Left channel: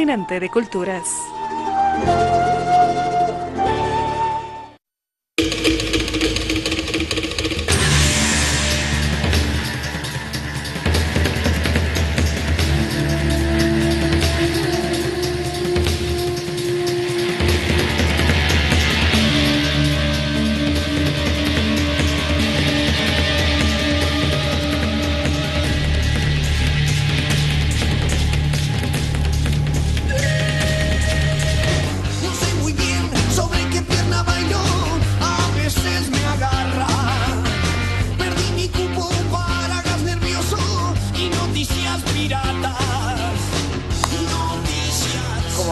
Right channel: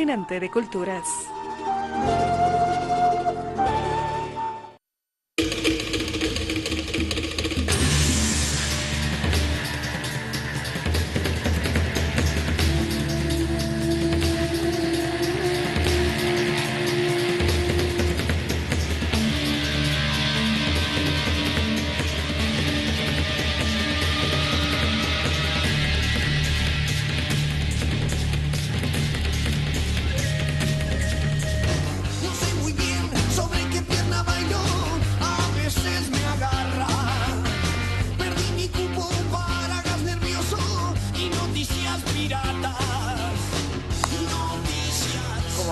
continente de culturas.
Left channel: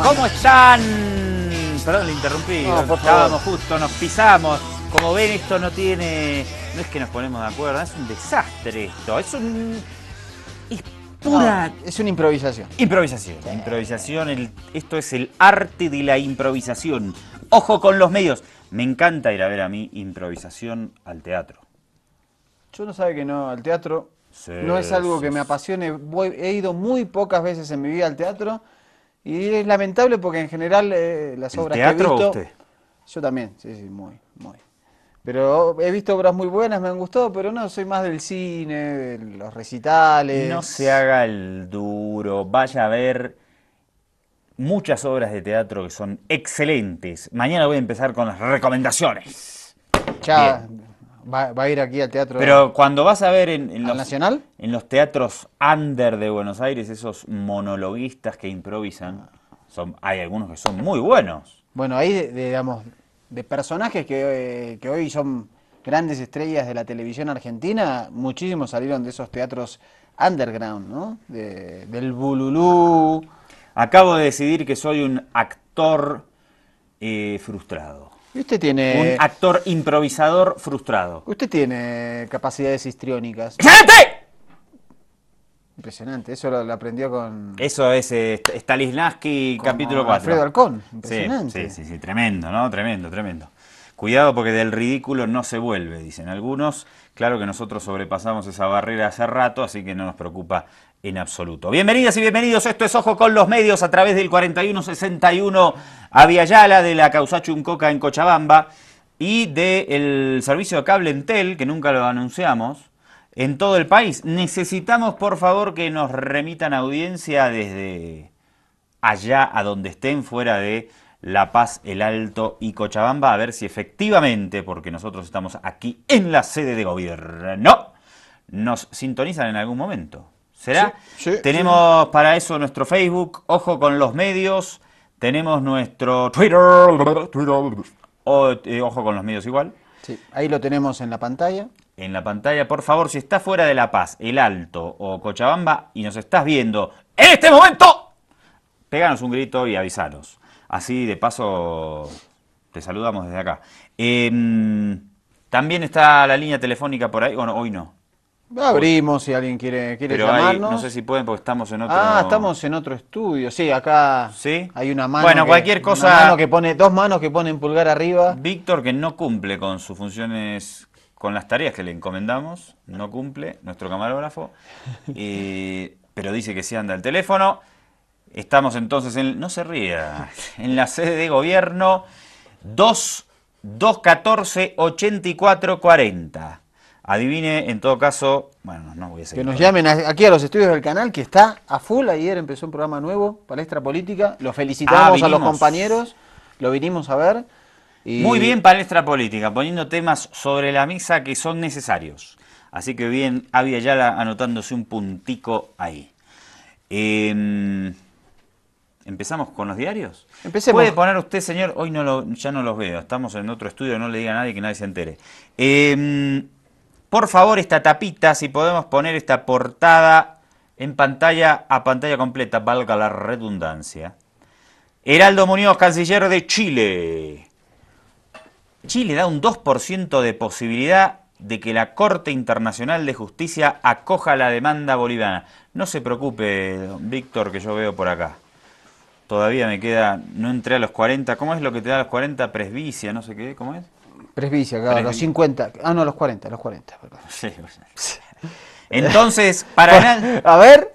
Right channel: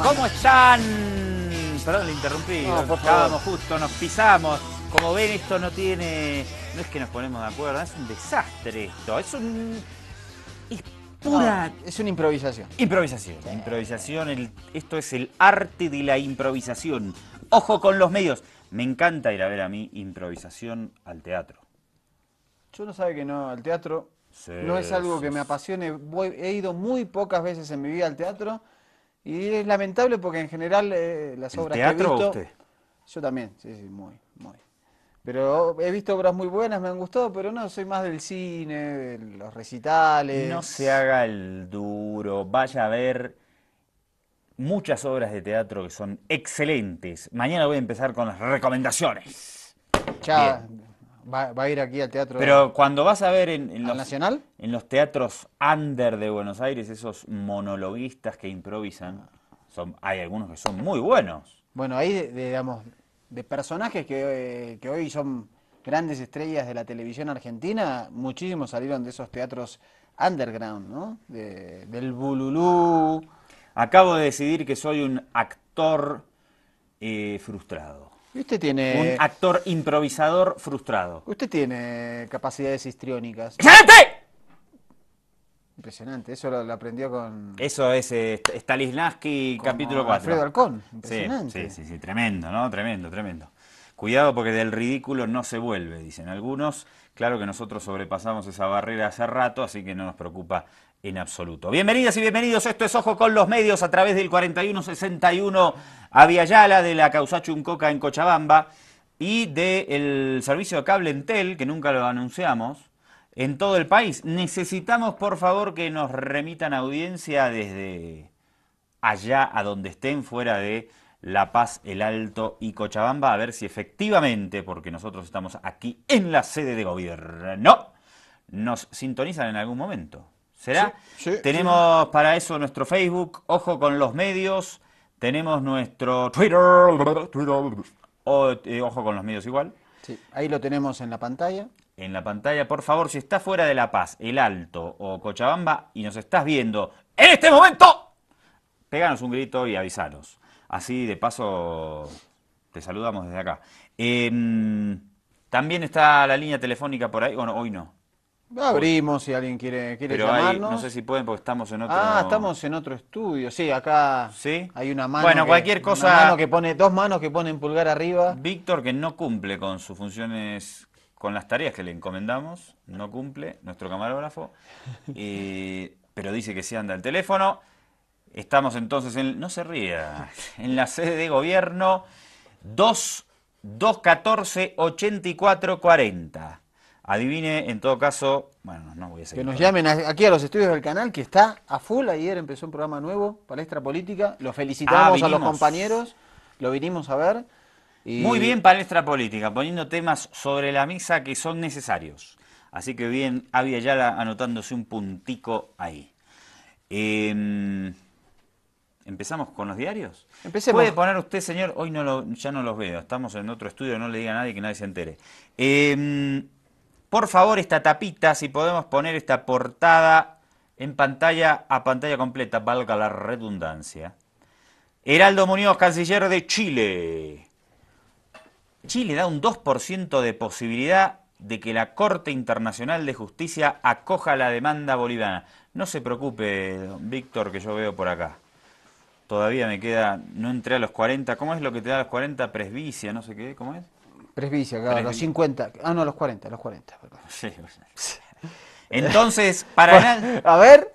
¿Cómo están? Perdón, le interrumpí. No, por Estábamos justo, nos pisamos. Como ven, esto no tiene... No es que nos ponemos de acuerdo, es un desastre esto. Es pura... Es una improvisación. Improvisación. Improvisación, esto es el arte de la improvisación. Ojo con los medios. Me encanta ir a ver a mí improvisación al teatro. Yo no sabe que no, al teatro Sí, no es algo que me apasione. He ido muy pocas veces en mi vida al teatro y es lamentable porque en general las ¿El obras teatro que he visto... usted? Yo también, sí, muy. Pero he visto obras muy buenas, me han gustado, pero no, soy más del cine, de los recitales. No se haga el duro, vaya a ver muchas obras de teatro que son excelentes. Mañana voy a empezar con las recomendaciones. Ya va a ir aquí al teatro. Pero cuando vas a ver en ¿Al Nacional? en los teatros under de Buenos Aires, esos monologuistas que improvisan, hay algunos que son muy buenos. Bueno, ahí, digamos, de personajes que hoy son grandes estrellas de la televisión argentina, muchísimos salieron de esos teatros underground, ¿no? Del Bululú. Acabo de decidir que soy un actor frustrado. Y usted tiene... Un actor improvisador frustrado. Usted tiene capacidades histriónicas. ¡Impresionante! Impresionante, eso lo aprendió con... Eso es Stanislavski, con capítulo 4. Alfredo Alcón, impresionante. Sí, tremendo, ¿no? Tremendo. Cuidado porque del ridículo no se vuelve, dicen algunos. Claro que nosotros sobrepasamos esa barrera hace rato, así que no nos preocupa en absoluto. Bienvenidas y bienvenidos, esto es Ojo con los Medios a través del 4161 Aviala de la Causacho Uncoca en Cochabamba y del servicio de cable Entel, que nunca lo anunciamos, en todo el país. Necesitamos, por favor, que nos remitan audiencia desde allá a donde estén, fuera de La Paz, El Alto y Cochabamba, a ver si efectivamente, porque nosotros estamos aquí en la sede de gobierno, nos sintonizan en algún momento. ¿Será? Sí, Tenemos para eso nuestro Facebook, Ojo con los Medios, tenemos nuestro Twitter, Ojo con los Medios igual. Sí, ahí lo tenemos en la pantalla. En la pantalla, por favor, si estás fuera de La Paz, El Alto o Cochabamba y nos estás viendo en este momento, péganos un grito y avisanos. Así, de paso, te saludamos desde acá. También está la línea telefónica por ahí, bueno, hoy no. Abrimos si alguien quiere Pero llamarnos. no sé si pueden porque estamos en otro... Ah, estamos en otro estudio. Sí, acá ¿Sí? hay una mano. Bueno, cualquier cosa... Una mano que pone, dos manos que ponen pulgar arriba. Víctor, que no cumple con sus funciones, con las tareas que le encomendamos, no cumple, nuestro camarógrafo, pero dice que sí anda el teléfono. Estamos entonces en, no se ría, en la sede de gobierno 214-8440. Adivine, en todo caso, bueno, no voy a seguir. Que nos llamen aquí a los estudios del canal, que está a full. Ayer empezó un programa nuevo, Palestra Política. Los felicitamos a los compañeros, lo vinimos a ver. Y... Muy bien, Palestra Política, poniendo temas sobre la mesa que son necesarios. Así que bien, Avi Ayala anotándose un puntico ahí. ¿Empezamos con los diarios? Empecemos. ¿Puede poner usted, señor? Hoy ya no los veo, estamos en otro estudio, no le diga a nadie que nadie se entere. Por favor, esta tapita, si podemos poner esta portada en pantalla, a pantalla completa, valga la redundancia. Heraldo Muñoz, canciller de Chile. Chile da un 2% de posibilidad de que la Corte Internacional de Justicia acoja la demanda boliviana. No se preocupe, Víctor, que yo veo por acá. Todavía me queda, no entré a los 40. ¿Cómo es lo que te da a los 40? Presbicia, no sé qué, ¿cómo es? Presbicia, claro, los 50. Ah, no, los 40, perdón. Sí. Entonces, para A ver,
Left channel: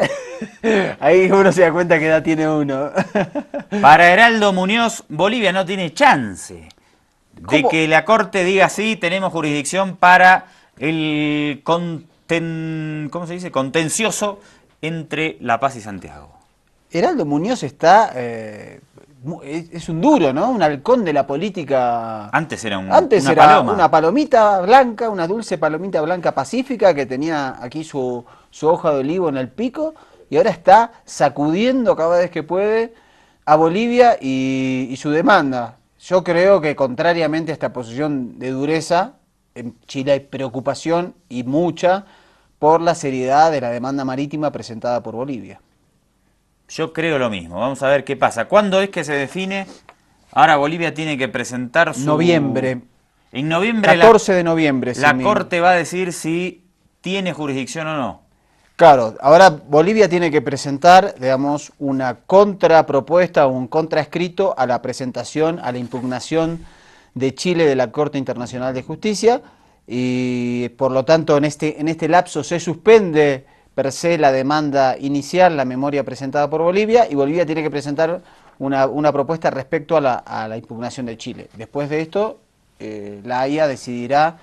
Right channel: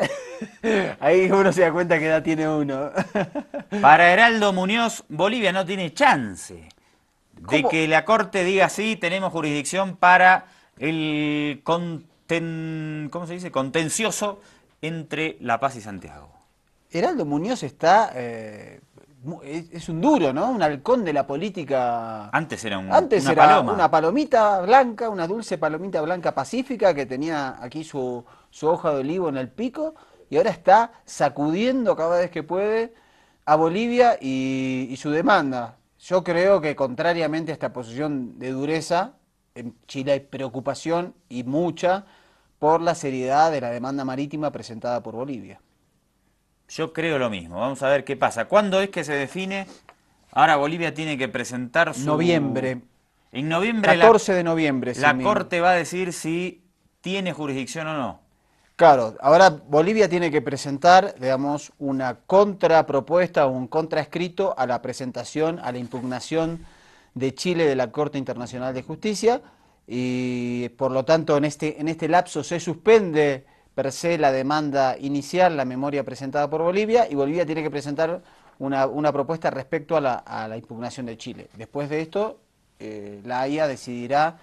ahí uno se da cuenta que edad tiene uno. Para Heraldo Muñoz, Bolivia no tiene chance de ¿Cómo? que la Corte diga sí, tenemos jurisdicción para el ¿cómo se dice? Contencioso entre La Paz y Santiago. Heraldo Muñoz está, es un duro, ¿no? Un halcón de la política. Antes era Antes una era paloma. una palomita blanca, una dulce palomita blanca pacífica que tenía aquí su hoja de olivo en el pico y ahora está sacudiendo cada vez que puede a Bolivia y su demanda. Yo creo que contrariamente a esta posición de dureza, en Chile hay preocupación y mucha por la seriedad de la demanda marítima presentada por Bolivia. Yo creo lo mismo. Vamos a ver qué pasa. ¿Cuándo es que se define? Ahora Bolivia tiene que presentar su... Noviembre, En noviembre 14 de noviembre. la Corte va a decir si tiene jurisdicción o no. Claro, ahora Bolivia tiene que presentar, digamos, una contrapropuesta o un contraescrito a la presentación, a la impugnación de Chile de la Corte Internacional de Justicia y por lo tanto en este lapso se suspende per se la demanda inicial, la memoria presentada por Bolivia y Bolivia tiene que presentar una propuesta respecto a la impugnación de Chile. Después de esto, la AIA decidirá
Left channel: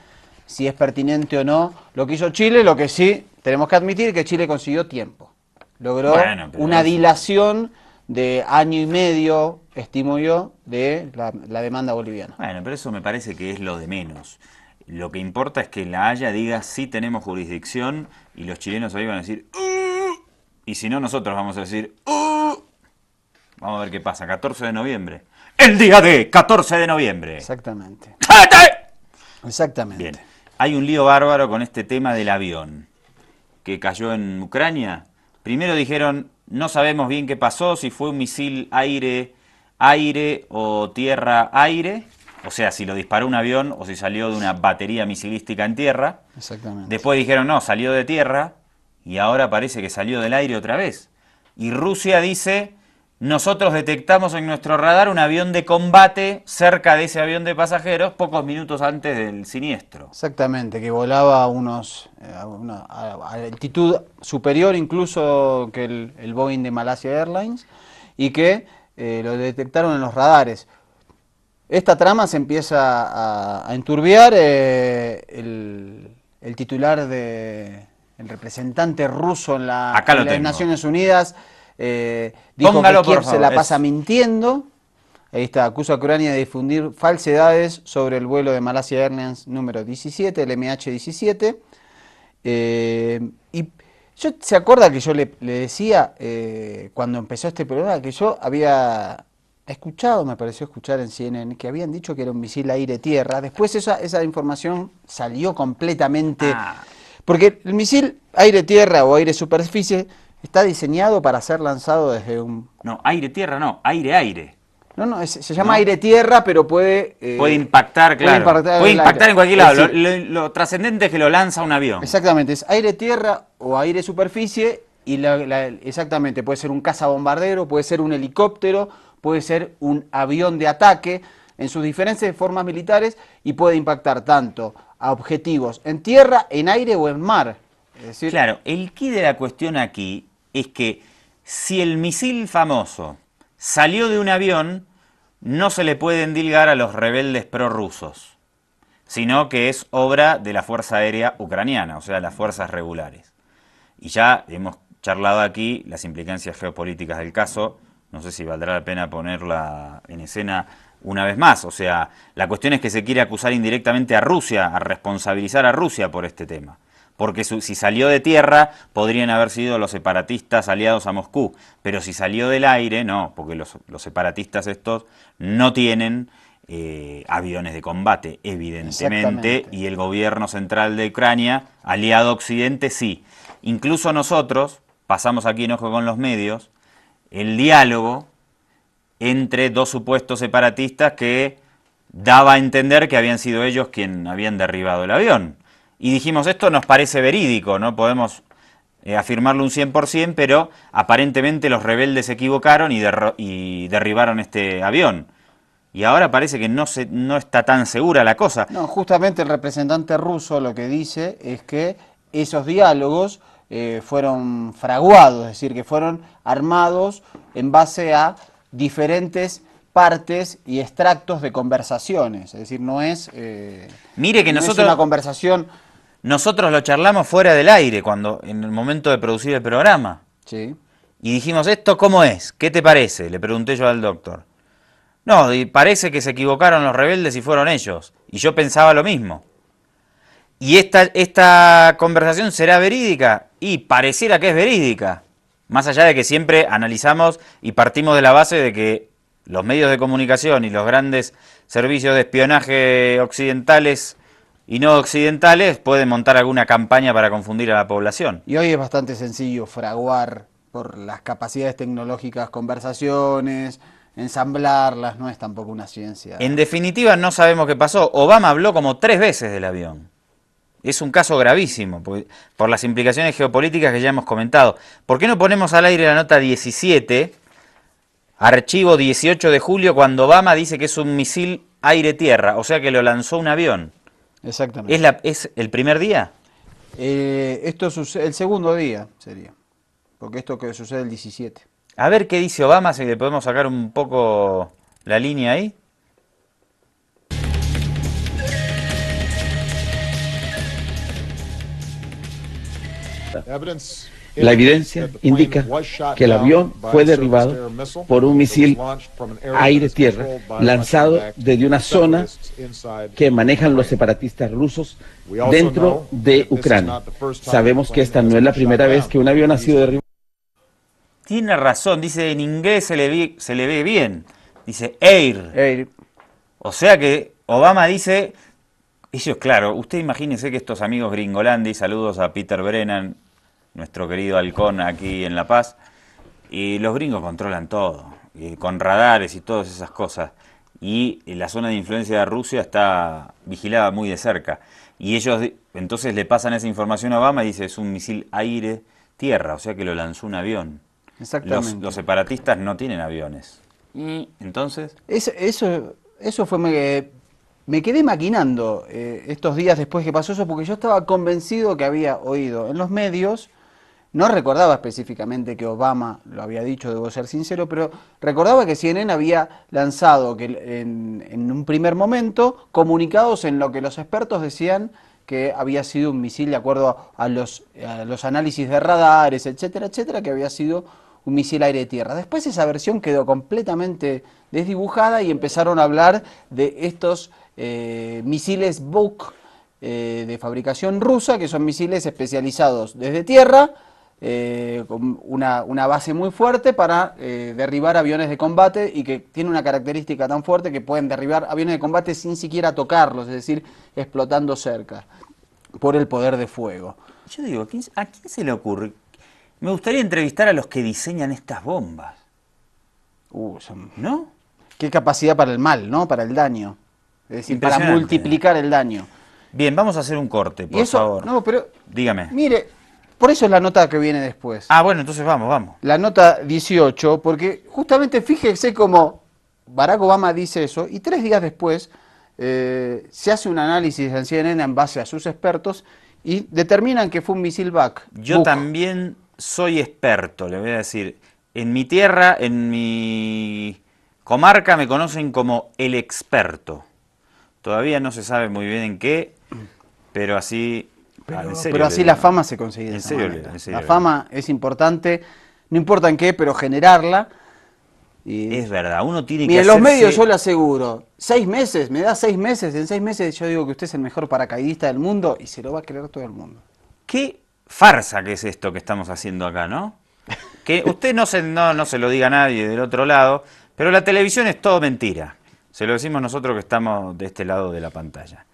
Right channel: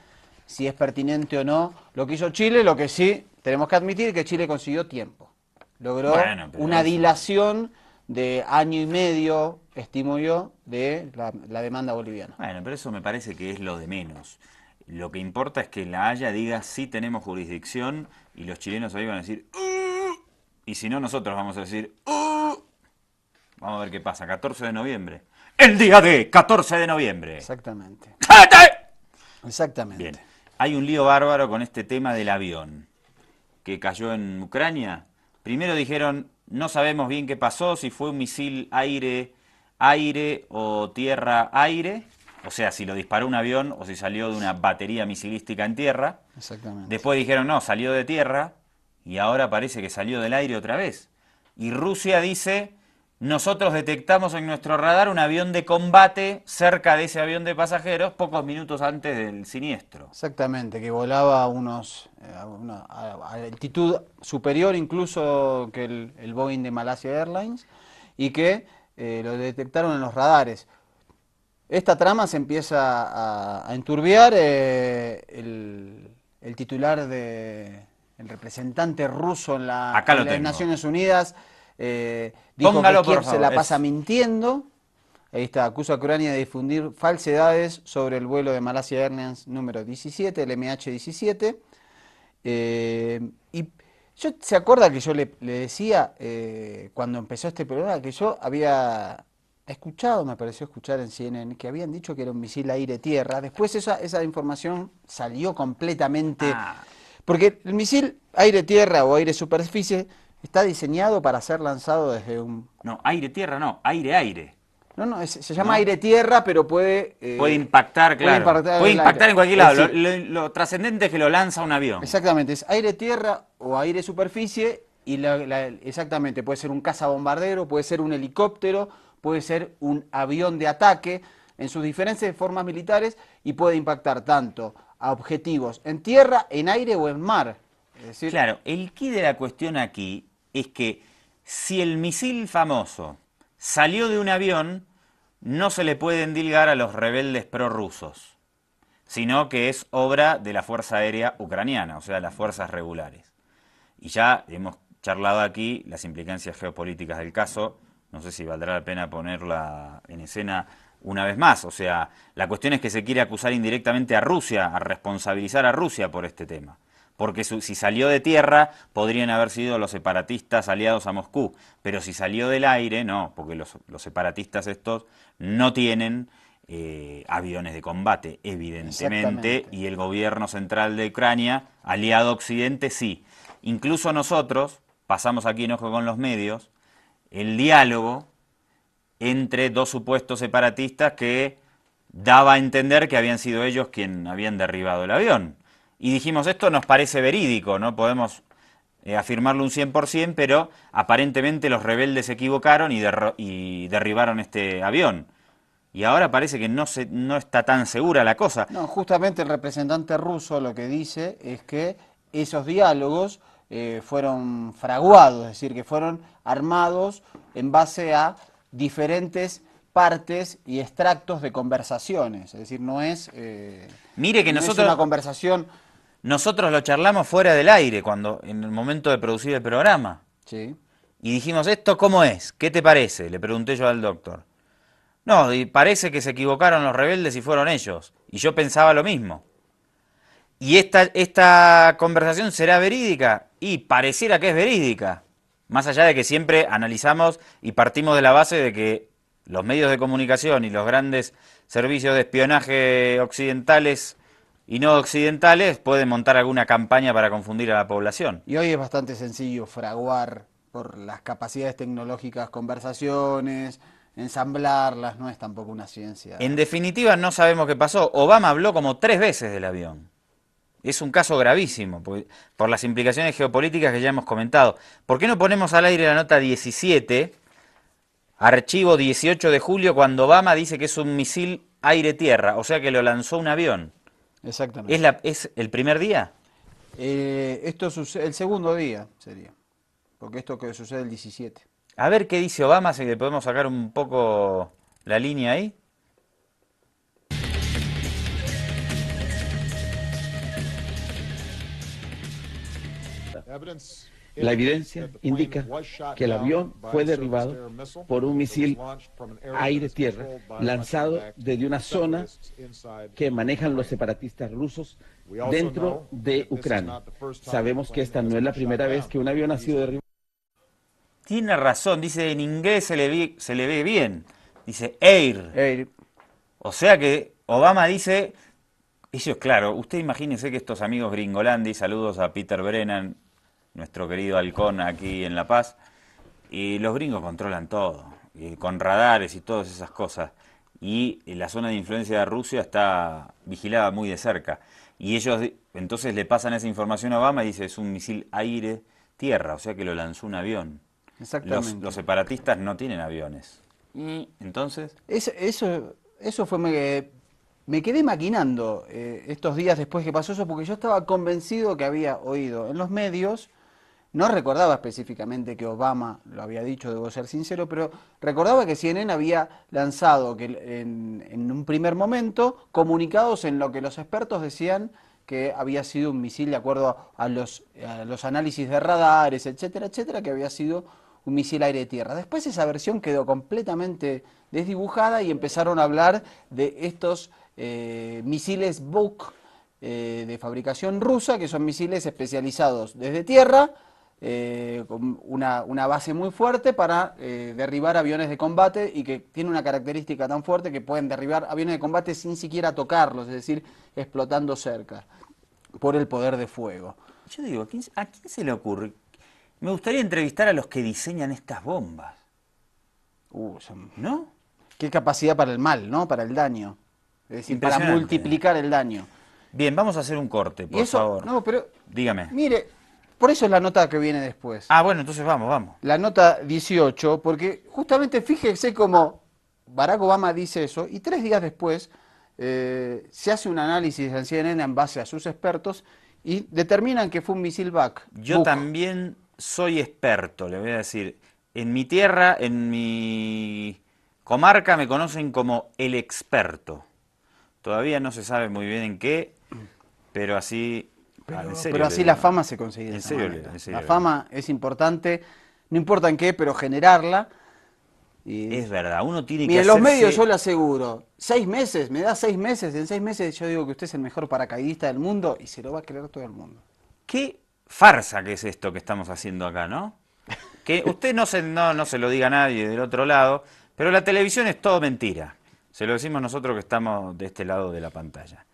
si es pertinente o no lo que hizo Chile, lo que sí tenemos que admitir que Chile consiguió tiempo. Logró Bueno, pero una eso- dilación de año y medio, estimo yo, de la demanda boliviana. Bueno, pero eso me parece que es lo de menos. Lo que importa es que la Haya diga sí tenemos jurisdicción y los chilenos hoy van a decir y si no nosotros vamos a decir vamos a ver qué pasa, 14 de noviembre. El día de 14 de noviembre. Exactamente. Exactamente. Bien, hay un lío bárbaro con este tema del avión que cayó en Ucrania. Primero dijeron, no sabemos bien qué pasó, si fue un misil aire-aire o tierra-aire, o sea, si lo disparó un avión o si salió de una batería misilística en tierra. Exactamente. Después dijeron, no, salió de tierra y ahora parece que salió del aire otra vez. Y Rusia dice, nosotros detectamos en nuestro radar un avión de combate cerca de ese avión de pasajeros pocos minutos antes del siniestro. Exactamente, que volaba a altitud superior incluso que el Boeing de Malaysia Airlines y que lo detectaron en los radares. Esta trama se empieza a enturbiar, el titular el representante ruso en Acá lo las tengo. Naciones Unidas dijo Póngalo, que Kiev por se favor, la pasa mintiendo. Ahí está, acusa a Ucrania de difundir falsedades sobre el vuelo de Malaysia Airlines número 17, el MH17. Y ¿se acuerda que yo le decía cuando empezó este programa que yo había escuchado, me pareció escuchar en CNN, que habían dicho que era un misil aire-tierra? Después esa información salió completamente... Porque el misil aire-tierra o aire-superficie está diseñado para ser lanzado desde un... No, aire-tierra no, aire-aire. No, se llama aire-tierra, pero puede... Puede impactar, claro. Puede impactar en cualquier lado. Lo trascendente es que lo lanza un avión. Exactamente, es aire-tierra o aire-superficie y exactamente, puede ser un cazabombardero, puede ser un helicóptero, puede ser un avión de ataque en sus diferentes formas militares y puede impactar tanto a objetivos en tierra, en aire o en mar. Es decir, Claro, el quid de la cuestión aquí es que si el misil famoso salió de un avión, no se le puede endilgar a los rebeldes prorrusos, sino que es obra de la Fuerza Aérea Ucraniana, o sea, las fuerzas regulares. Y ya hemos charlado aquí las implicancias geopolíticas del caso, no sé si valdrá la pena ponerla en escena una vez más. O sea, la cuestión es que se quiere acusar indirectamente a Rusia, a responsabilizar a Rusia por este tema. Porque si salió de tierra, podrían haber sido los separatistas aliados a Moscú. Pero si salió del aire, no, porque los separatistas estos no tienen aviones de combate, evidentemente, y el gobierno central de Ucrania, aliado a Occidente, sí. Incluso nosotros, pasamos aquí en Ojo con los Medios, el diálogo entre dos supuestos separatistas que daba a entender que habían sido ellos quienes habían derribado el avión. Y dijimos, esto nos parece verídico, no podemos afirmarlo un 100%, pero aparentemente los rebeldes se equivocaron y derribaron este avión. Y ahora parece que no está tan segura la cosa. no, justamente el representante ruso lo que dice es que esos diálogos fueron fraguados, es decir, que fueron armados en base a diferentes partes y extractos de conversaciones. Es decir, no es, Mire que no es nosotros, una conversación... nosotros lo charlamos fuera del aire, cuando en el momento de producir el programa. Sí. Y dijimos, ¿esto cómo es? ¿Qué te parece? Le pregunté yo al doctor. No, y parece que se equivocaron los rebeldes y fueron ellos. Y yo pensaba lo mismo. ¿Y esta conversación será verídica? Y pareciera que es verídica. Más allá de que siempre analizamos y partimos de la base de que los medios de comunicación y los grandes servicios de espionaje occidentales y no occidentales pueden montar alguna campaña para confundir a la población. Y hoy es bastante sencillo fraguar por las capacidades tecnológicas conversaciones, ensamblarlas, no es tampoco una ciencia. En definitiva, no sabemos qué pasó. Obama habló como 3 veces del avión. Es un caso gravísimo, por las implicaciones geopolíticas que ya hemos comentado. ¿Por qué no ponemos al aire la nota 17, archivo 18 de julio, cuando Obama dice que es un misil aire-tierra, o sea que lo lanzó un avión? Exactamente. ¿Es el primer día? Esto sucede, el segundo día sería, porque esto que sucede el 17. A ver qué dice Obama, si le podemos sacar un poco la línea ahí. La evidencia indica que el avión fue derribado por un misil aire-tierra lanzado desde una zona que manejan los separatistas rusos dentro de Ucrania. Sabemos que esta no es la primera vez que un avión ha sido derribado. Tiene razón, dice en inglés se le ve bien. Dice air. O sea que Obama dice, ellos, claro, usted imagínese que estos amigos gringolandi, saludos a Peter Brennan, nuestro querido halcón aquí en La Paz, y los gringos controlan todo, con radares y todas esas cosas, y la zona de influencia de Rusia está vigilada muy de cerca, y ellos entonces le pasan esa información a Obama y dice, es un misil aire-tierra, o sea que lo lanzó un avión. Exactamente. Los separatistas no tienen aviones. Y entonces... Eso fue... Me quedé maquinando estos días después que pasó eso, porque yo estaba convencido que había oído en los medios, no recordaba específicamente que Obama lo había dicho, debo ser sincero, pero recordaba que CNN había lanzado que en un primer momento comunicados en lo que los expertos decían que había sido un misil de acuerdo a los análisis de radares, etcétera, etcétera, que había sido un misil aire-tierra. Después esa versión quedó completamente desdibujada y empezaron a hablar de estos misiles Buk de fabricación rusa, que son misiles especializados desde tierra, con una base muy fuerte para derribar aviones de combate y que tiene una característica tan fuerte que pueden derribar aviones de combate sin siquiera tocarlos, es decir, explotando cerca, por el poder de fuego. Yo digo, ¿a quién se le ocurre? Me gustaría entrevistar a los que diseñan estas bombas. ¿No? Qué capacidad para el mal, ¿no? Para el daño. Es decir, para multiplicar el daño. Bien, vamos a hacer un corte, por favor. No, pero... Dígame. Mire, por eso es la nota que viene después. Ah, bueno, entonces vamos. La nota 18, porque justamente fíjese cómo Barack Obama dice eso, y 3 días después se hace un análisis en CNN en base a sus expertos, y determinan que fue un misil Buk. Yo también soy experto, le voy a decir. En mi tierra, en mi comarca, me conocen como el experto. Todavía no se sabe muy bien en qué, pero así... Pero así la fama se consigue. En serio. La fama es importante, no importa en qué, pero generarla. Y... Es verdad, uno tiene que Mire, hacerse... los medios yo le aseguro, 6 meses, me da 6 meses, en 6 meses yo digo que usted es el mejor paracaidista del mundo y se lo va a creer todo el mundo. Qué farsa que es esto que estamos haciendo acá, ¿no? Que usted no se lo diga a nadie del otro lado, pero la televisión es todo mentira. Se lo decimos nosotros que estamos de este lado de la pantalla.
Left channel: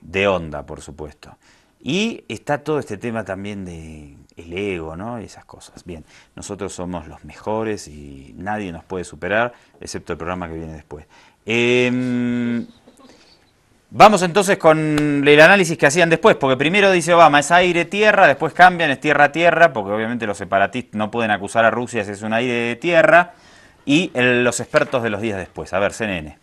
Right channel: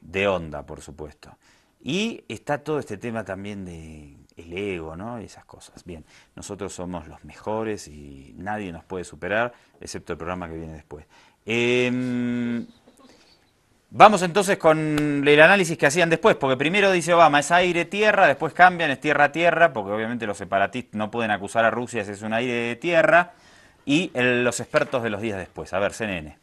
De onda, por supuesto. Y está todo este tema también de el ego, ¿no? Y esas cosas. Bien, nosotros somos los mejores y nadie nos puede superar, excepto el programa que viene después. Vamos entonces con el análisis que hacían después, porque primero dice Obama, es aire-tierra, después cambian, es tierra-tierra, porque obviamente los separatistas no pueden acusar a Rusia si es un aire-tierra, y los expertos de los días después. A ver, CNN.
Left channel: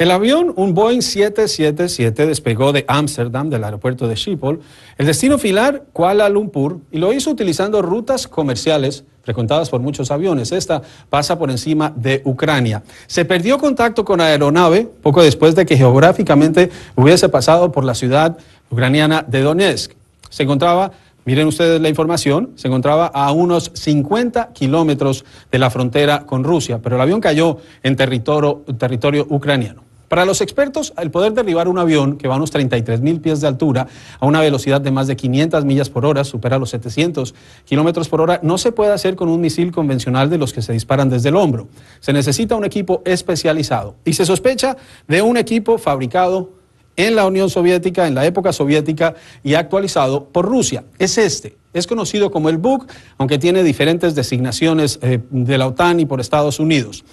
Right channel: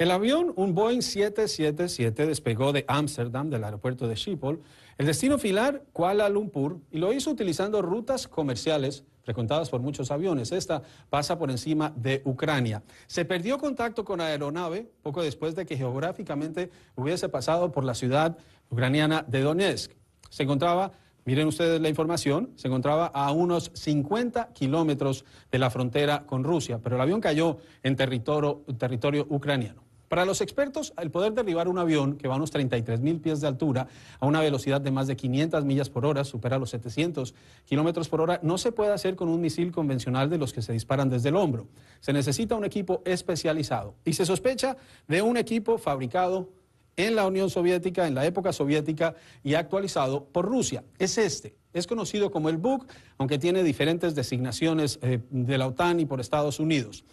El avión, un Boeing 777, despegó de Ámsterdam, del aeropuerto de Schiphol, el destino final, Kuala Lumpur, y lo hizo utilizando rutas comerciales frecuentadas por muchos aviones. Esta pasa por encima de Ucrania. Se perdió contacto con la aeronave poco después de que geográficamente hubiese pasado por la ciudad ucraniana de Donetsk. Se encontraba, miren ustedes la información, se encontraba a unos 50 kilómetros de la frontera con Rusia, pero el avión cayó en territorio ucraniano. Para los expertos, el poder derribar un avión que va a unos 33.000 pies de altura a una velocidad de más de 500 millas por hora, supera los 700 kilómetros por hora, no se puede hacer con un misil convencional de los que se disparan desde el hombro. Se necesita un equipo especializado y se sospecha de un equipo fabricado en la Unión Soviética, en la época soviética, y actualizado por Rusia. Es conocido como el Buk, aunque tiene diferentes designaciones de la OTAN y por Estados Unidos.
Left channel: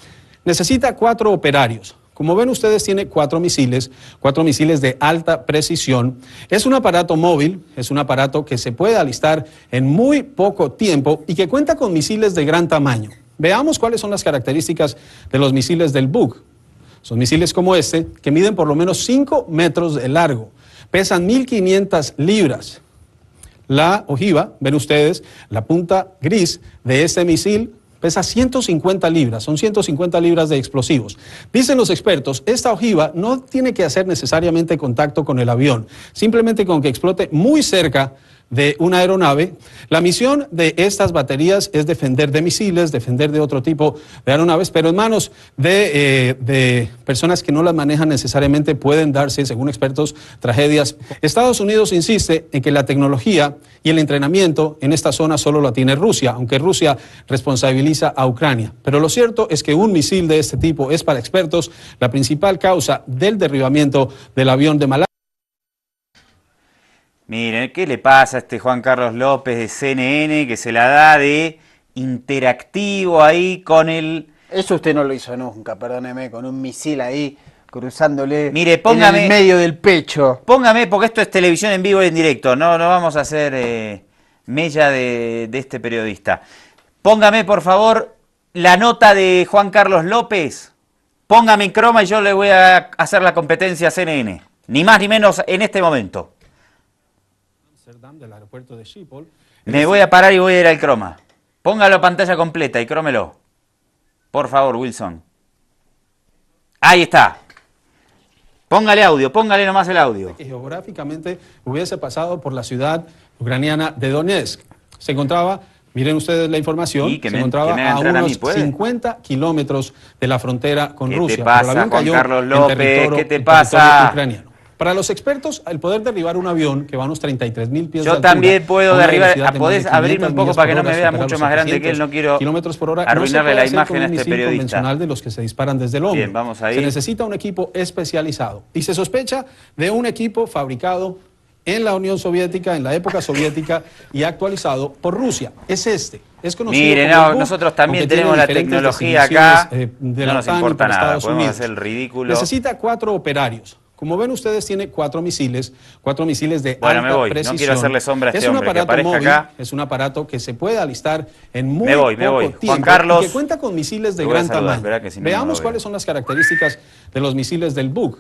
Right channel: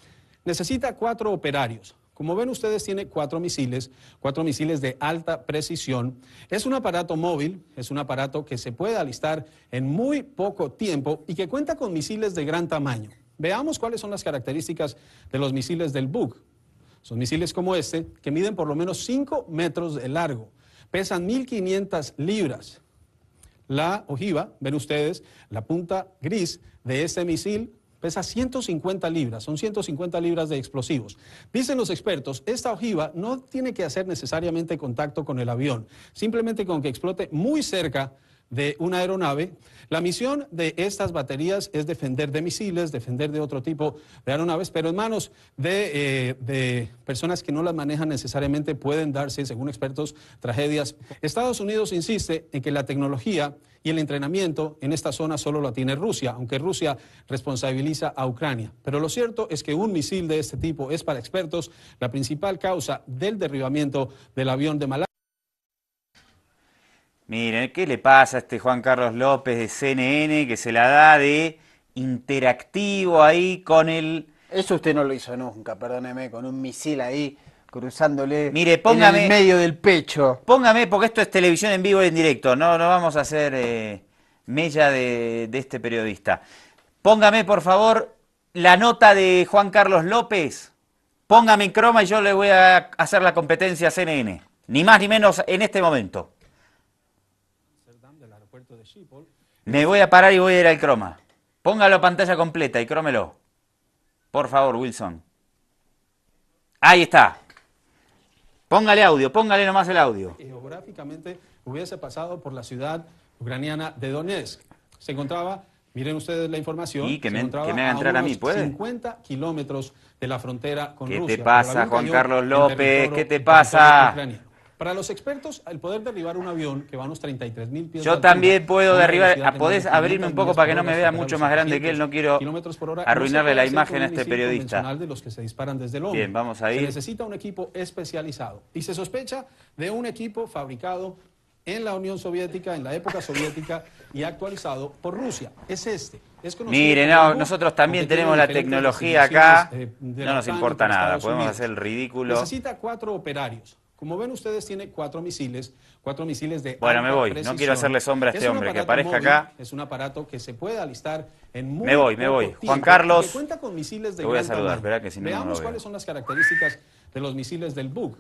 Necesita 4 operarios. Como ven ustedes, tiene 4 misiles de alta precisión. Es un aparato móvil, es un aparato que se puede alistar en muy poco tiempo y que cuenta con misiles de gran tamaño. Veamos cuáles son las características de los misiles del Buk. Son misiles como este, que miden por lo menos 5 metros de largo, pesan 1.500 libras. La ojiva, ven ustedes, la punta gris de este misil pesa 150 libras, son 150 libras de explosivos. Dicen los expertos, esta ojiva no tiene que hacer necesariamente contacto con el avión, simplemente con que explote muy cerca de una aeronave. La misión de estas baterías es defender de misiles, defender de otro tipo de aeronaves, pero en manos de personas que no las manejan necesariamente pueden darse, según expertos, tragedias. Estados Unidos insiste en que la tecnología y el entrenamiento en esta zona solo la tiene Rusia, aunque Rusia responsabiliza a Ucrania. Pero lo cierto es que un misil de este tipo es, para expertos, la principal causa del derribamiento del avión de Malasia. Miren, ¿qué le pasa a este Juan Carlos López de CNN que se la da de interactivo ahí con el... Eso usted no lo hizo nunca, perdóneme, con un misil ahí cruzándole. Mire, póngame, en el medio del pecho. Póngame, porque esto es televisión en vivo y en directo, no vamos a hacer mella de este periodista. Póngame, por favor, la nota de Juan Carlos López. Póngame en croma y yo le voy a hacer la competencia a CNN. Ni más ni menos en este momento. Del aeropuerto de Schiphol. Me voy a parar y voy a ir al croma. Póngalo pantalla completa y crómelo. Por favor, Wilson. Ahí está. Póngale audio, póngale nomás el audio. Que geográficamente hubiese pasado por la ciudad ucraniana de Donetsk. Se encontraba, miren ustedes la información, se encontraba a unos 50 kilómetros de la frontera con Rusia, pero el avión cayó en territorio ucraniano. Para los expertos, el poder derribar un avión que va a unos 33.000 pies de altura a una velocidad de más de 500 millas por hora, supera los 700 kilómetros por hora, no se puede hacer con un misil convencional de los que se disparan desde el hombro. Se necesita un equipo especializado y se sospecha de un equipo fabricado en la Unión Soviética, en la época soviética, y actualizado por Rusia. Es conocido como el Buk, aunque tiene diferentes designaciones de la OTAN y por Estados Unidos. Necesita 4 operarios. Como ven ustedes, tiene 4 misiles de alta precisión. Es un aparato móvil, es un aparato que se puede alistar en muy poco tiempo y que cuenta con misiles de gran tamaño. Veamos cuáles son las características de los misiles del Buk.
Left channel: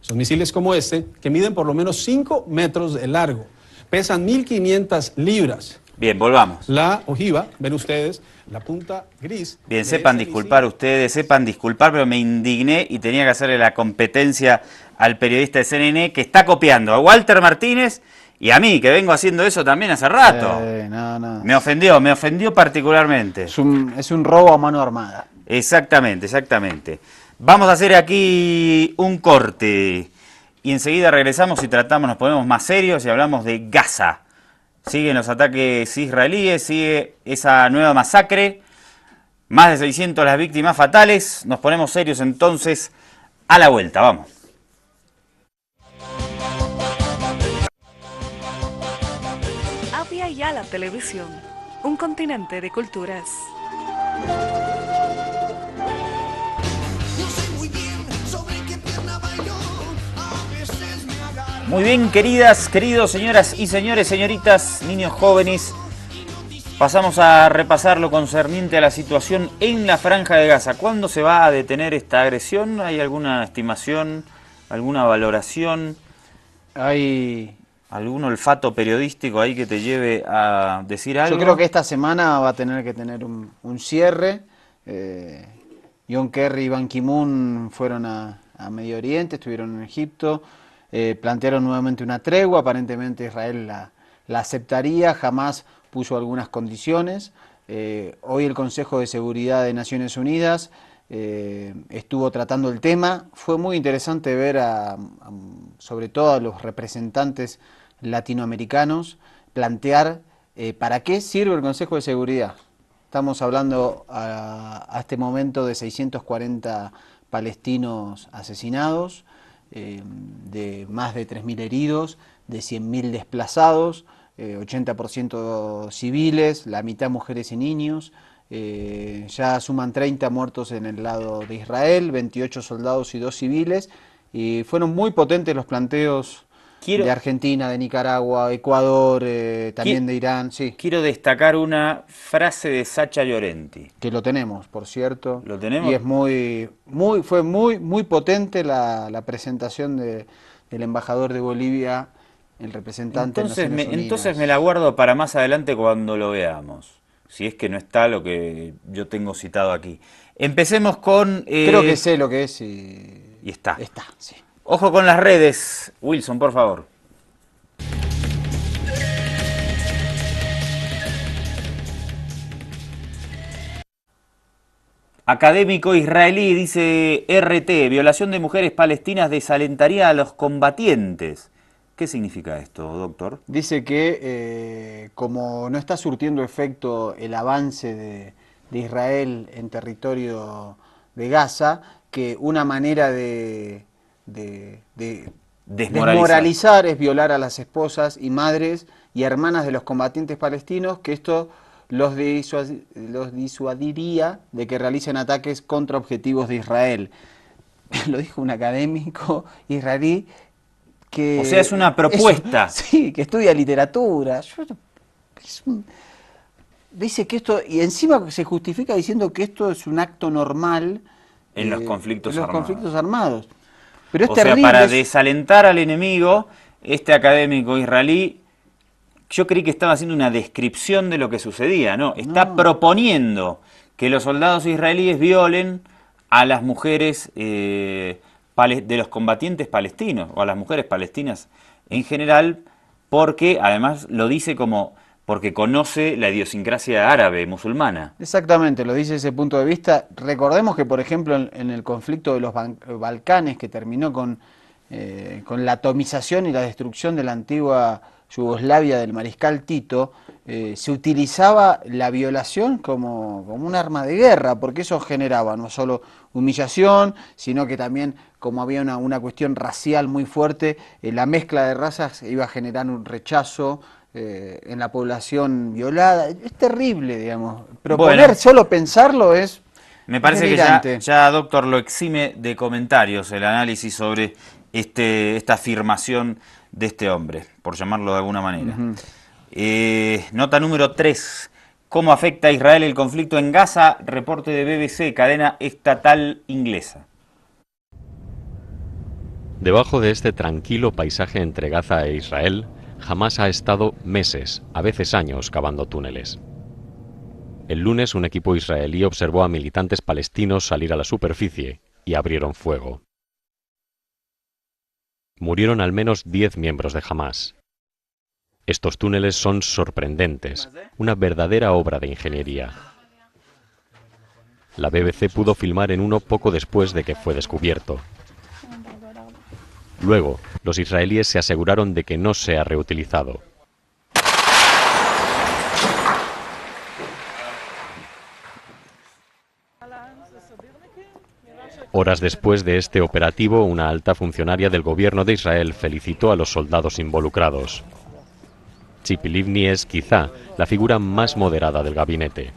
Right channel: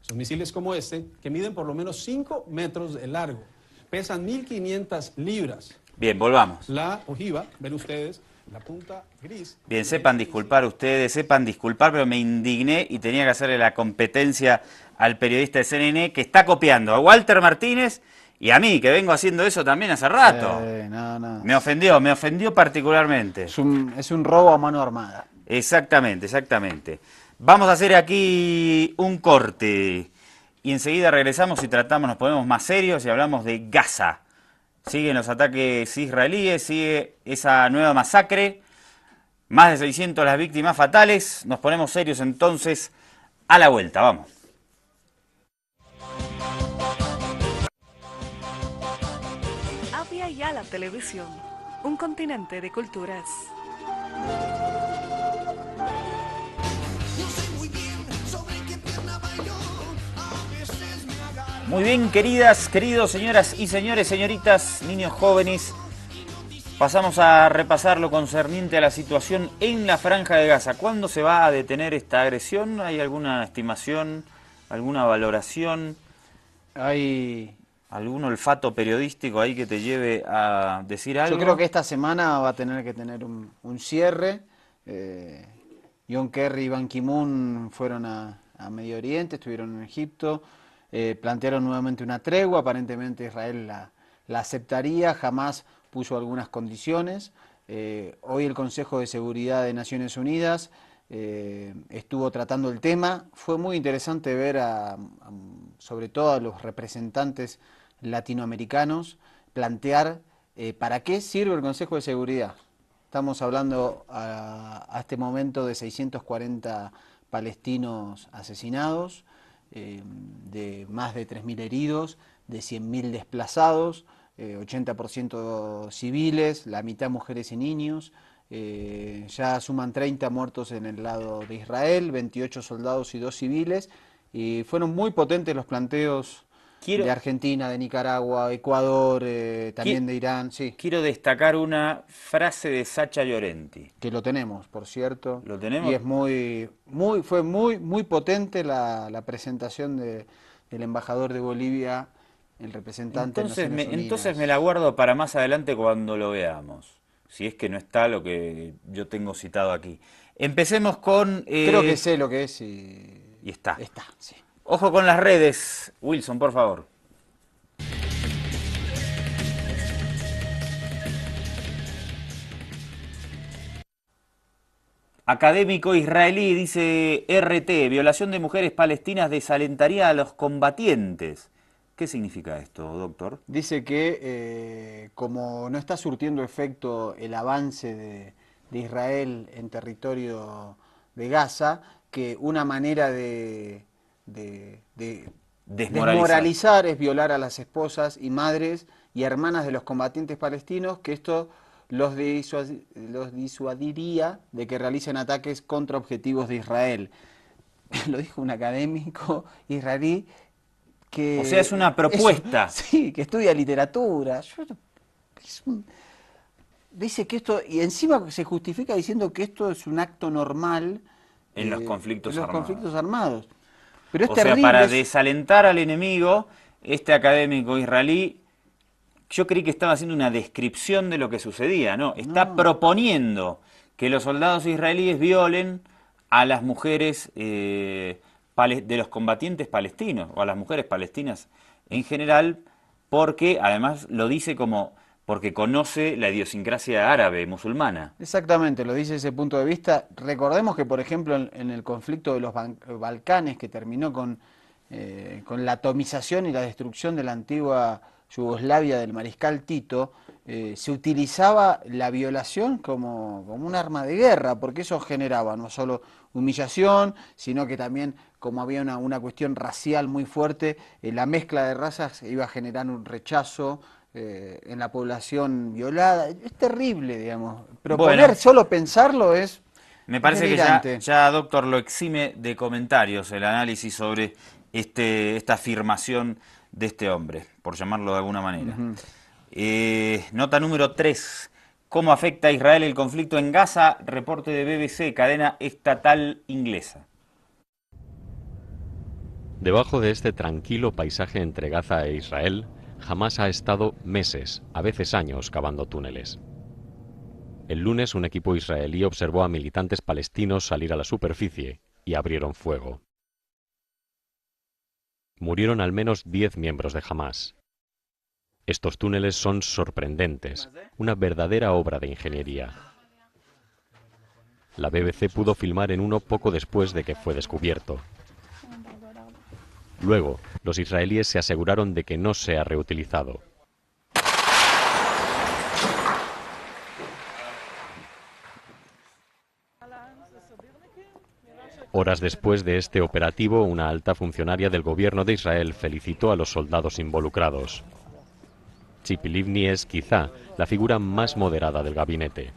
Son misiles como este, que miden por lo menos 5 metros de largo, pesan 1.500 libras. Bien, volvamos. La ojiva, ven ustedes, la punta gris. Bien, sepan disculpar ustedes, sepan disculpar, pero me indigné y tenía que hacerle la competencia al periodista de CNN que está copiando a Walter Martínez y a mí, que vengo haciendo eso también hace rato. No. Me ofendió particularmente. Es un robo a mano armada. Exactamente. Vamos a hacer aquí un corte y enseguida regresamos y nos ponemos más serios y hablamos de Gaza. Siguen los ataques israelíes, sigue esa nueva masacre, más de 600 las víctimas fatales. Nos ponemos serios entonces a la vuelta, vamos. Avia Yala Televisión, un continente de culturas. Muy bien, queridos, señoras y señores, señoritas, niños jóvenes, Pasamos a repasar lo concerniente a la situación en la Franja de Gaza. ¿Cuándo se va a detener esta agresión? ¿Hay alguna estimación, alguna valoración? ¿Hay algún olfato periodístico ahí que te lleve a decir algo? Yo creo que esta semana va a tener que tener un cierre. John Kerry y Ban Ki-moon fueron a Medio Oriente, estuvieron en Egipto, plantearon nuevamente una tregua, aparentemente Israel la aceptaría, jamás puso algunas condiciones. Hoy el Consejo de Seguridad de Naciones Unidas estuvo tratando el tema. Fue muy interesante ver sobre todo a los representantes latinoamericanos plantear para qué sirve el Consejo de Seguridad. Estamos hablando a este momento de 640 palestinos asesinados, de más de 3.000 heridos, de 100.000 desplazados, 80% civiles, la mitad mujeres y niños. Ya suman 30 muertos en el lado de Israel, 28 soldados y 2 civiles. Y fueron muy potentes los planteos de Argentina, de Nicaragua, Ecuador, también de Irán. Sí. Quiero destacar una frase de Sacha Llorenti. Que lo tenemos, por cierto. ¿Lo tenemos? Y fue muy potente la presentación del embajador de Bolivia, el representante de Naciones Unidas. Entonces me la guardo para más adelante cuando lo veamos, si es que no está lo que yo tengo citado aquí. Empecemos con... Creo que sé lo que es y está. Está, sí. Ojo con las redes. Wilson, por favor. Académico israelí dice RT, violación de mujeres palestinas desalentaría a los combatientes. ¿Qué significa esto, doctor? Dice que como no está surtiendo efecto el avance de Israel en territorio de Gaza, que una manera de desmoralizar es violar a las esposas y madres y hermanas de los combatientes palestinos, que esto los disuadiría de que realicen ataques contra objetivos de Israel. Lo dijo un académico israelí que... O sea, es una propuesta. Sí, que estudia literatura. Dice que esto, y encima se justifica diciendo que esto es un acto normal en los conflictos armados. Pero es terrible. O sea, para desalentar al enemigo, este académico israelí, yo creí que estaba haciendo una descripción de lo que sucedía, ¿no? Está proponiendo que los soldados israelíes violen a las mujeres de los combatientes palestinos, o a las mujeres palestinas en general, porque además lo dice porque conoce la idiosincrasia árabe, musulmana. Exactamente, lo dice ese punto de vista. Recordemos que, por ejemplo, en el conflicto de los Balcanes, que terminó con la atomización y la destrucción de la antigua Yugoslavia del mariscal Tito, se utilizaba la violación como un arma de guerra, porque eso generaba no solo humillación, sino que también, como había una cuestión racial muy fuerte, la mezcla de razas iba a generar un rechazo en la población violada. Es terrible, digamos. Proponer, solo pensarlo es... Me parece que ya, doctor, lo exime de comentarios el análisis sobre esta afirmación de este hombre, por llamarlo de alguna manera. Nota número 3. ¿Cómo afecta a Israel el conflicto en Gaza? Reporte de BBC, cadena estatal inglesa. Debajo de este tranquilo paisaje entre Gaza e Israel, Hamás ha estado meses, a veces años, cavando túneles. El lunes un equipo israelí observó a militantes palestinos salir a la superficie y abrieron fuego. Murieron al menos 10 miembros de Hamás. Estos túneles son sorprendentes, una verdadera obra de ingeniería. La BBC pudo filmar en uno poco después de que fue descubierto. Luego, los israelíes se aseguraron de que no se ha reutilizado. Horas después de este operativo, una alta funcionaria del gobierno de Israel felicitó a los soldados involucrados. Tzipi Livni es, quizá, la figura más moderada del gabinete.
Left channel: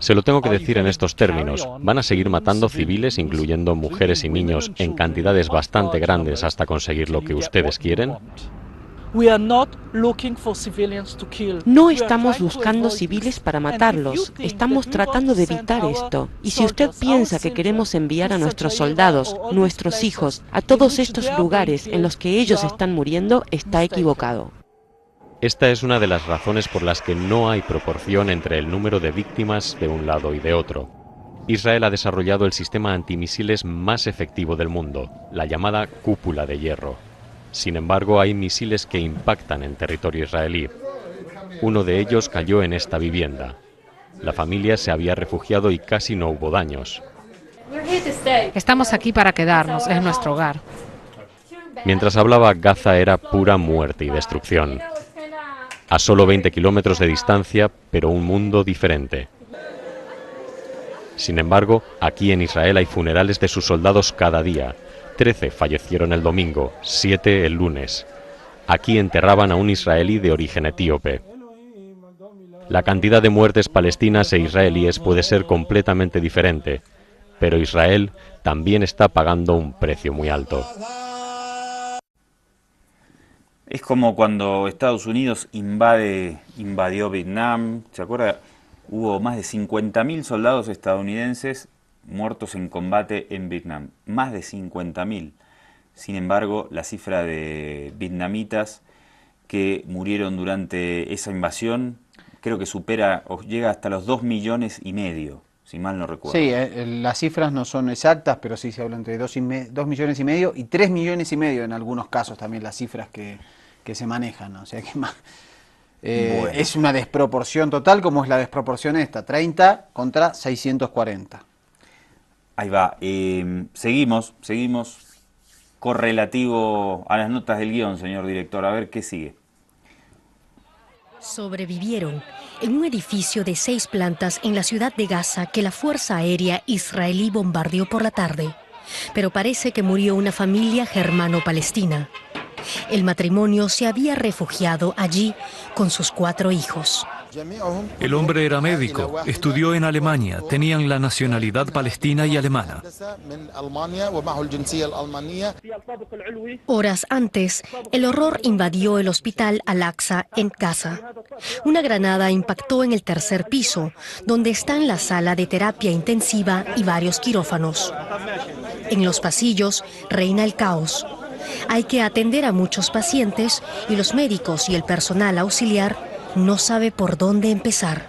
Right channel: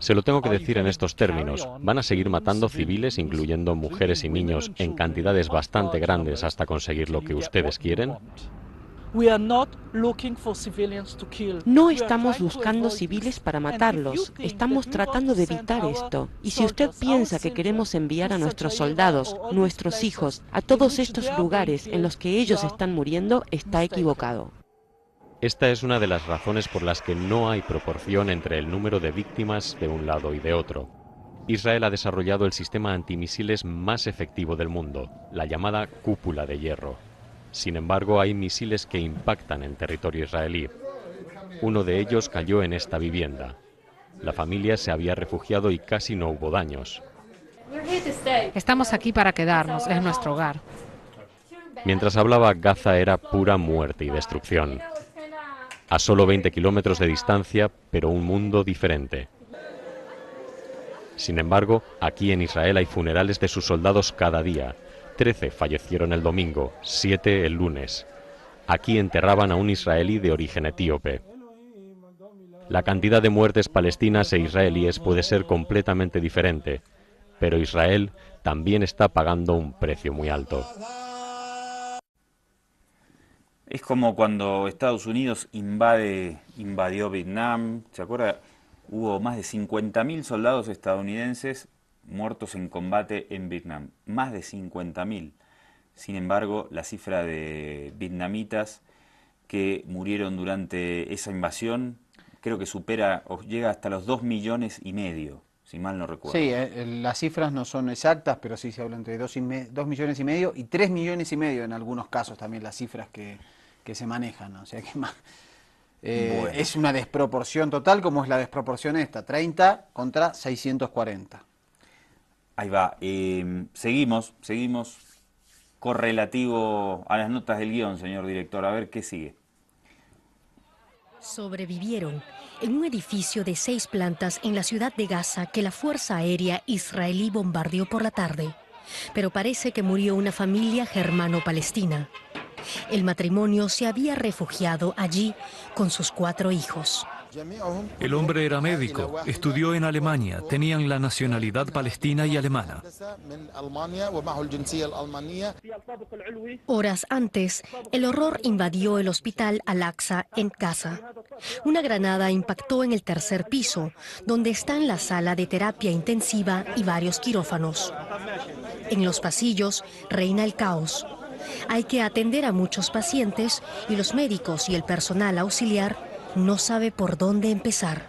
Se lo tengo que decir en estos términos. ¿Van a seguir matando civiles, incluyendo mujeres y niños, en cantidades bastante grandes hasta conseguir lo que ustedes quieren? No estamos buscando civiles para matarlos, estamos tratando de evitar esto. Y si usted piensa que queremos enviar a nuestros soldados, nuestros hijos, a todos estos lugares en los que ellos están muriendo, está equivocado. Esta es una de las razones por las que no hay proporción entre el número de víctimas de un lado y de otro. Israel ha desarrollado el sistema antimisiles más efectivo del mundo, la llamada cúpula de hierro. Sin embargo, hay misiles que impactan en territorio israelí. Uno de ellos cayó en esta vivienda. La familia se había refugiado y casi no hubo daños. Estamos aquí para quedarnos, es nuestro hogar. Mientras hablaba, Gaza era pura muerte y destrucción. A solo 20 kilómetros de distancia, pero un mundo diferente. Sin embargo, aquí en Israel hay funerales de sus soldados cada día. 13 fallecieron el domingo, 7 el lunes. Aquí enterraban a un israelí de origen etíope. La cantidad de muertes palestinas e israelíes puede ser completamente diferente, pero Israel también está pagando un precio muy alto. Es como cuando Estados Unidos invadió Vietnam, ¿se acuerda? Hubo más de 50.000 soldados estadounidenses muertos en combate en Vietnam, más de 50.000. Sin embargo, la cifra de vietnamitas que murieron durante esa invasión creo que supera o llega hasta los 2,5 millones, si mal no recuerdo. Sí, las cifras no son exactas, pero sí se habla entre 2,5 millones y 3,5 millones en algunos casos también las cifras que se manejan, ¿no? O sea que más, bueno, es una desproporción total, como es la desproporción esta, 30 contra 640. Ahí va. Seguimos correlativo a las notas del guión, señor director. A ver qué sigue. Sobrevivieron en un edificio de 6 plantas en la ciudad de Gaza que la Fuerza Aérea israelí bombardeó por la tarde. Pero parece que murió una familia germano-palestina. El matrimonio se había refugiado allí con sus 4 hijos. El hombre era médico, estudió en Alemania, tenían la nacionalidad palestina y alemana. Horas antes, el horror invadió el hospital Al-Aqsa en Gaza. Una granada impactó en el 3er piso, donde están la sala de terapia intensiva y varios quirófanos. En los pasillos reina el caos. Hay que atender a muchos pacientes y los médicos y el personal auxiliar no sabe por dónde empezar.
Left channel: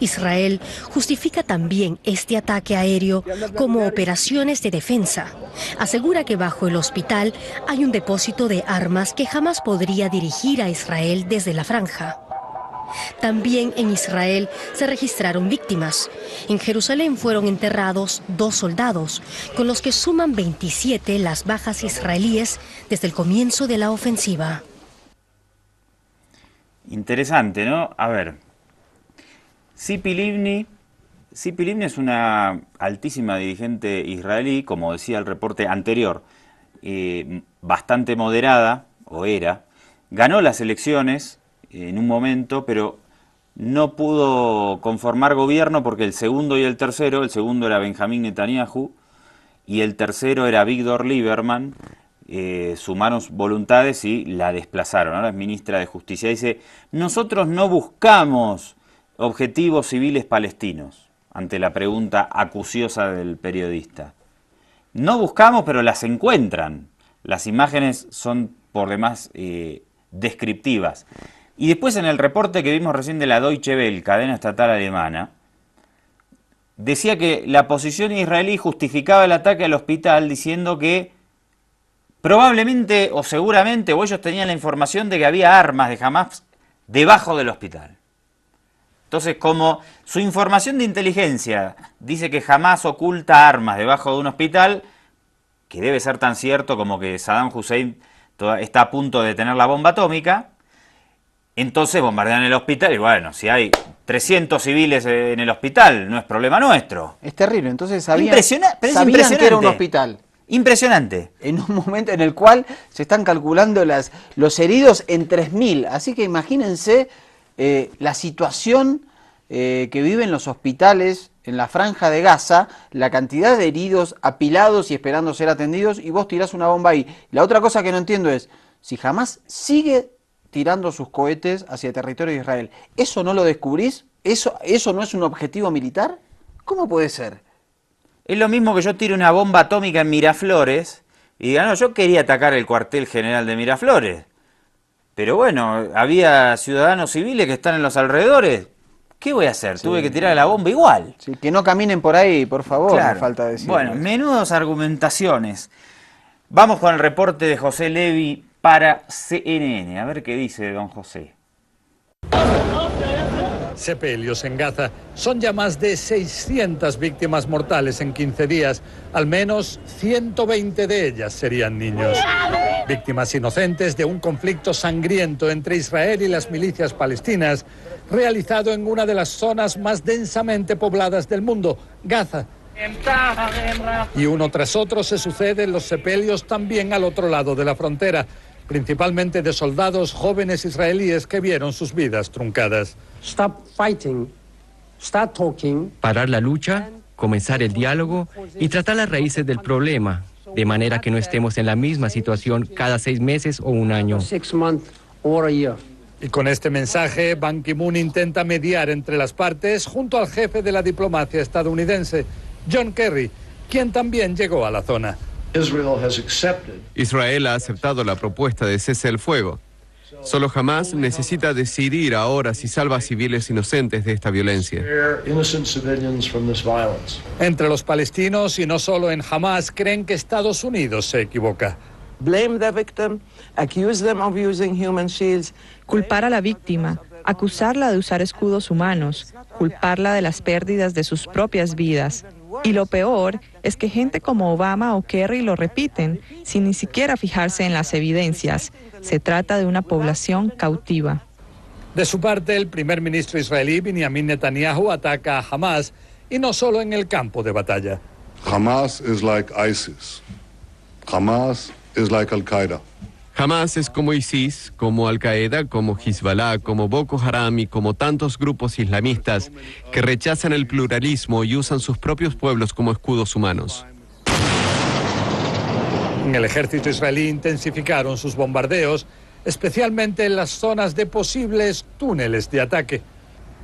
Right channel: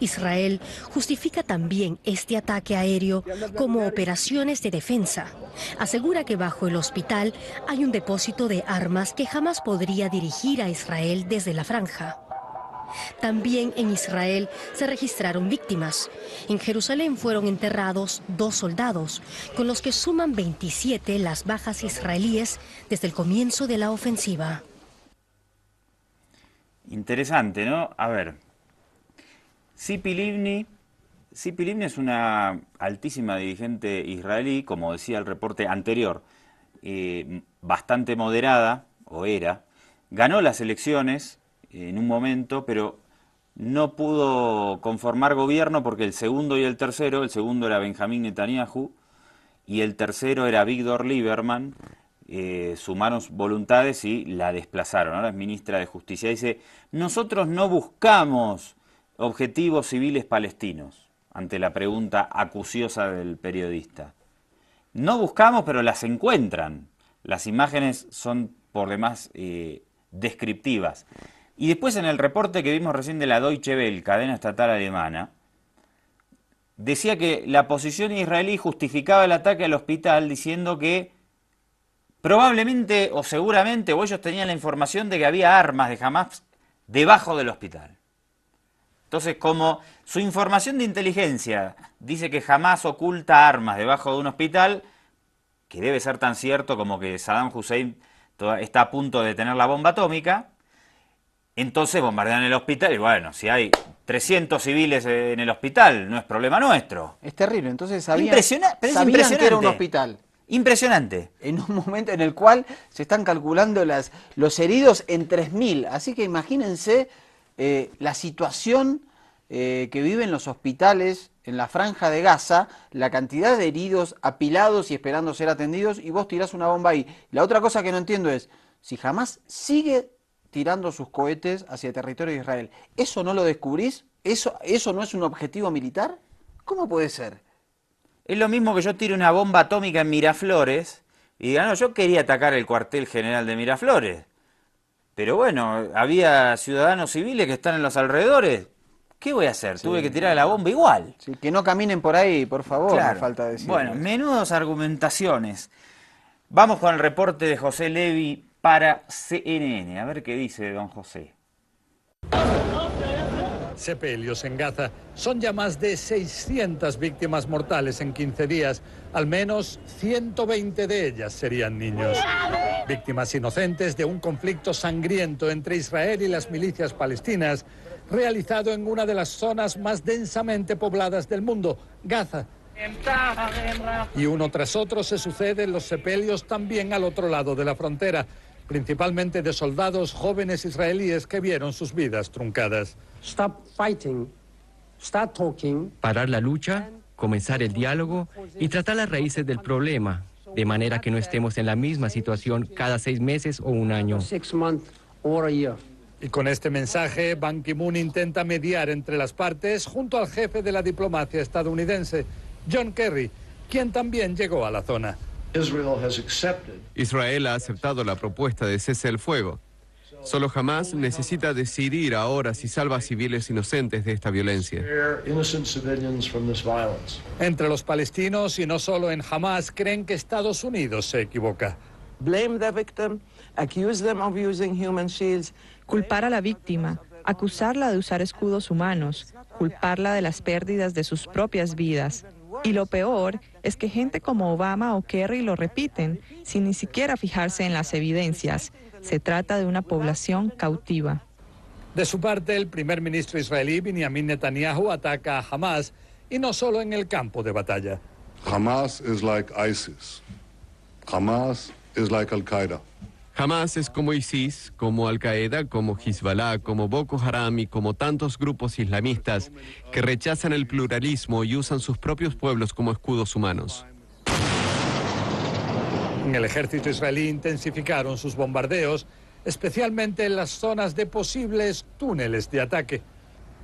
Israel justifica también este ataque aéreo como operaciones de defensa. Asegura que bajo el hospital hay un depósito de armas que jamás podría dirigir a Israel desde la franja. También en Israel se registraron víctimas. En Jerusalén fueron enterrados 2 soldados, con los que suman 27 las bajas israelíes desde el comienzo de la ofensiva. Interesante, ¿no? A ver, Tzipi Livni es una altísima dirigente israelí, como decía el reporte anterior, bastante moderada, o era, ganó las elecciones en un momento, pero no pudo conformar gobierno porque el segundo y el tercero, el segundo era Benjamín Netanyahu y el tercero era Víctor Lieberman, sumaron voluntades y la desplazaron. Ahora es ministra de Justicia. Dice, nosotros no buscamos objetivos civiles palestinos, ante la pregunta acuciosa del periodista. No buscamos, pero las encuentran. Las imágenes son por demás descriptivas. Y después en el reporte que vimos recién de la Deutsche Welle, cadena estatal alemana, decía que la posición israelí justificaba el ataque al hospital diciendo que probablemente o seguramente o ellos tenían la información de que había armas de Hamas debajo del hospital. Entonces, como su información de inteligencia dice que Hamas oculta armas debajo de un hospital, que debe ser tan cierto como que Saddam Hussein está a punto de tener la bomba atómica, entonces bombardean el hospital y bueno, si hay 300 civiles en el hospital, no es problema nuestro. Es terrible, entonces sabían impresionante que era un hospital. Impresionante. En un momento en el cual se están calculando los heridos en 3.000. Así que imagínense la situación que viven los hospitales en la franja de Gaza, la cantidad de heridos apilados y esperando ser atendidos, y vos tirás una bomba ahí. La otra cosa que no entiendo es, si Hamás sigue tirando sus cohetes hacia territorio de Israel, ¿eso no lo descubrís? ¿Eso no es un objetivo militar? ¿Cómo puede ser? Es lo mismo que yo tire una bomba atómica en Miraflores y diga, no, yo quería atacar el cuartel general de Miraflores. Pero bueno, había ciudadanos civiles que están en los alrededores. ¿Qué voy a hacer? Tuve que tirar la bomba igual. Sí, que no caminen por ahí, por favor, Claro. no falta decir. Bueno, menudas argumentaciones. Vamos con el reporte de José Levi para CNN. A ver qué dice don José. Sepelios en Gaza. Son ya más de 600 víctimas mortales en 15 días. Al menos 120 de ellas serían niños. Víctimas inocentes de un conflicto sangriento entre Israel y las milicias palestinas, realizado en una de las zonas más densamente pobladas del mundo, Gaza. Y uno tras otro se suceden los sepelios también al otro lado de la frontera, principalmente de soldados jóvenes israelíes que vieron sus vidas truncadas. Stop fighting. Start talking. Parar la lucha, comenzar el diálogo y tratar las raíces del problema, de manera que no estemos en la misma situación cada 6 meses o un año. 6 months or a year. Y con este mensaje, Ban Ki-moon intenta mediar entre las partes junto al jefe de la diplomacia estadounidense, John Kerry, quien también llegó a la zona. Israel ha aceptado la propuesta de cese el fuego. Solo Hamás necesita decidir ahora si salva a civiles inocentes de esta violencia. Entre los palestinos, y no solo en Hamás, creen que Estados Unidos se equivoca. Culpar a la víctima, acusarla de usar escudos humanos, culparla de las pérdidas de sus propias vidas. Y lo peor es que gente como Obama o Kerry lo repiten, sin ni siquiera fijarse en las evidencias. Se trata de una población cautiva. De su parte, el primer ministro israelí, Benjamin Netanyahu, ataca a Hamás, y no solo en el campo de batalla. Hamas is like ISIS. Hamas is like Al-Qaeda. Hamás es como ISIS, como Al-Qaeda, como Hezbollah, como Boko Haram y como tantos grupos islamistas que rechazan el pluralismo y usan sus propios pueblos como escudos humanos. En el ejército israelí intensificaron sus bombardeos, especialmente en las zonas de posibles túneles de ataque.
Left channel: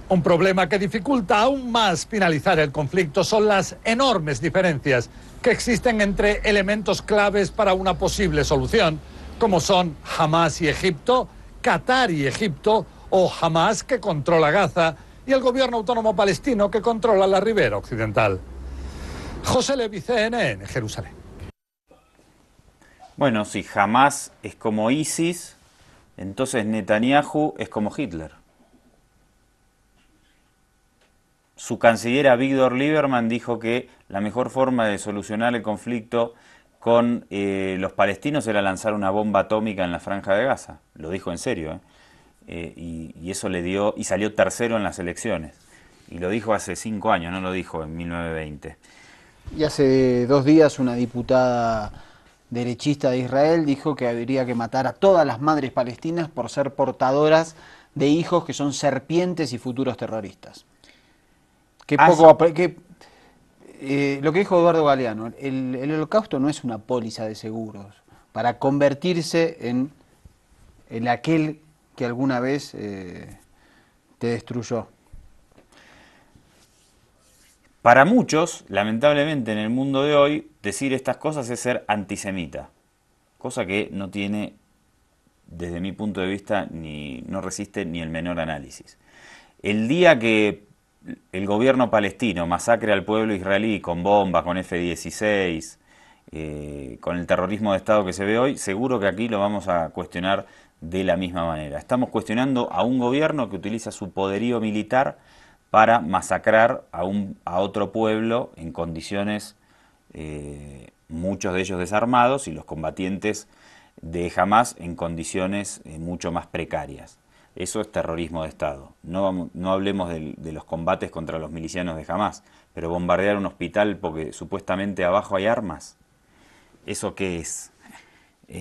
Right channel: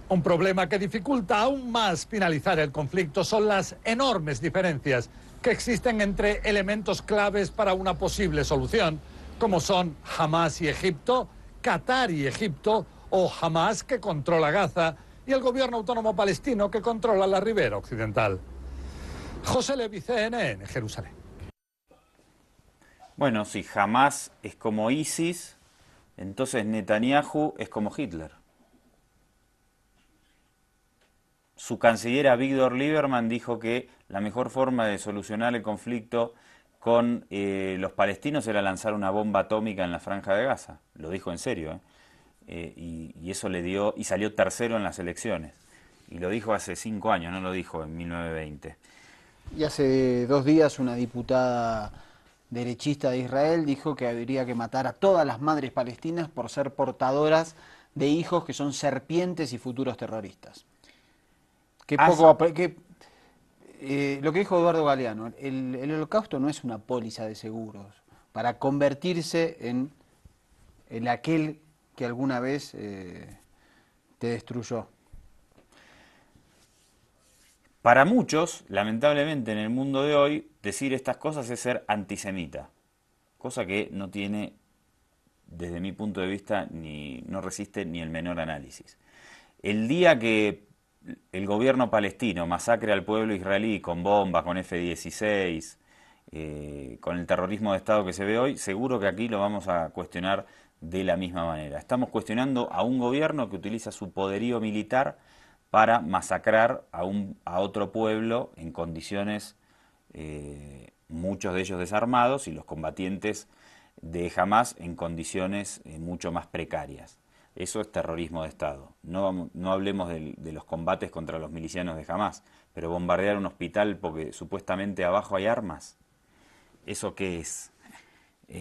Un problema que dificulta aún más finalizar el conflicto son las enormes diferencias que existen entre elementos claves para una posible solución, como son Hamás y Egipto, Qatar y Egipto, o Hamás, que controla Gaza, y el gobierno autónomo palestino, que controla la ribera occidental. José Levi, CNN, Jerusalén. Bueno, si Hamás es como ISIS, entonces Netanyahu es como Hitler. Su canciller Avigdor Lieberman dijo que la mejor forma de solucionar el conflicto con los palestinos era lanzar una bomba atómica en la Franja de Gaza. Lo dijo en serio, y eso le dio, y salió tercero en las elecciones. Y lo dijo hace 5 años, no lo dijo en 1920. Y hace 2 días una diputada derechista de Israel dijo que habría que matar a todas las madres palestinas por ser portadoras de hijos que son serpientes y futuros terroristas. Lo que dijo Eduardo Galeano, el holocausto no es una póliza de seguros para convertirse en aquel que alguna vez te destruyó. Para muchos, lamentablemente en el mundo de hoy, decir estas cosas es ser antisemita, cosa que no tiene, desde mi punto de vista, no resiste ni el menor análisis. El día que el gobierno palestino masacre al pueblo israelí con bombas, con F-16, con el terrorismo de Estado que se ve hoy, seguro que aquí lo vamos a cuestionar de la misma manera. Estamos cuestionando a un gobierno que utiliza su poderío militar para masacrar a otro pueblo en condiciones, muchos de ellos desarmados, y los combatientes de Hamás en condiciones mucho más precarias. Eso es terrorismo de Estado. No hablemos de los combates contra los milicianos de Hamás, pero bombardear un hospital porque supuestamente abajo hay armas, ¿eso qué es?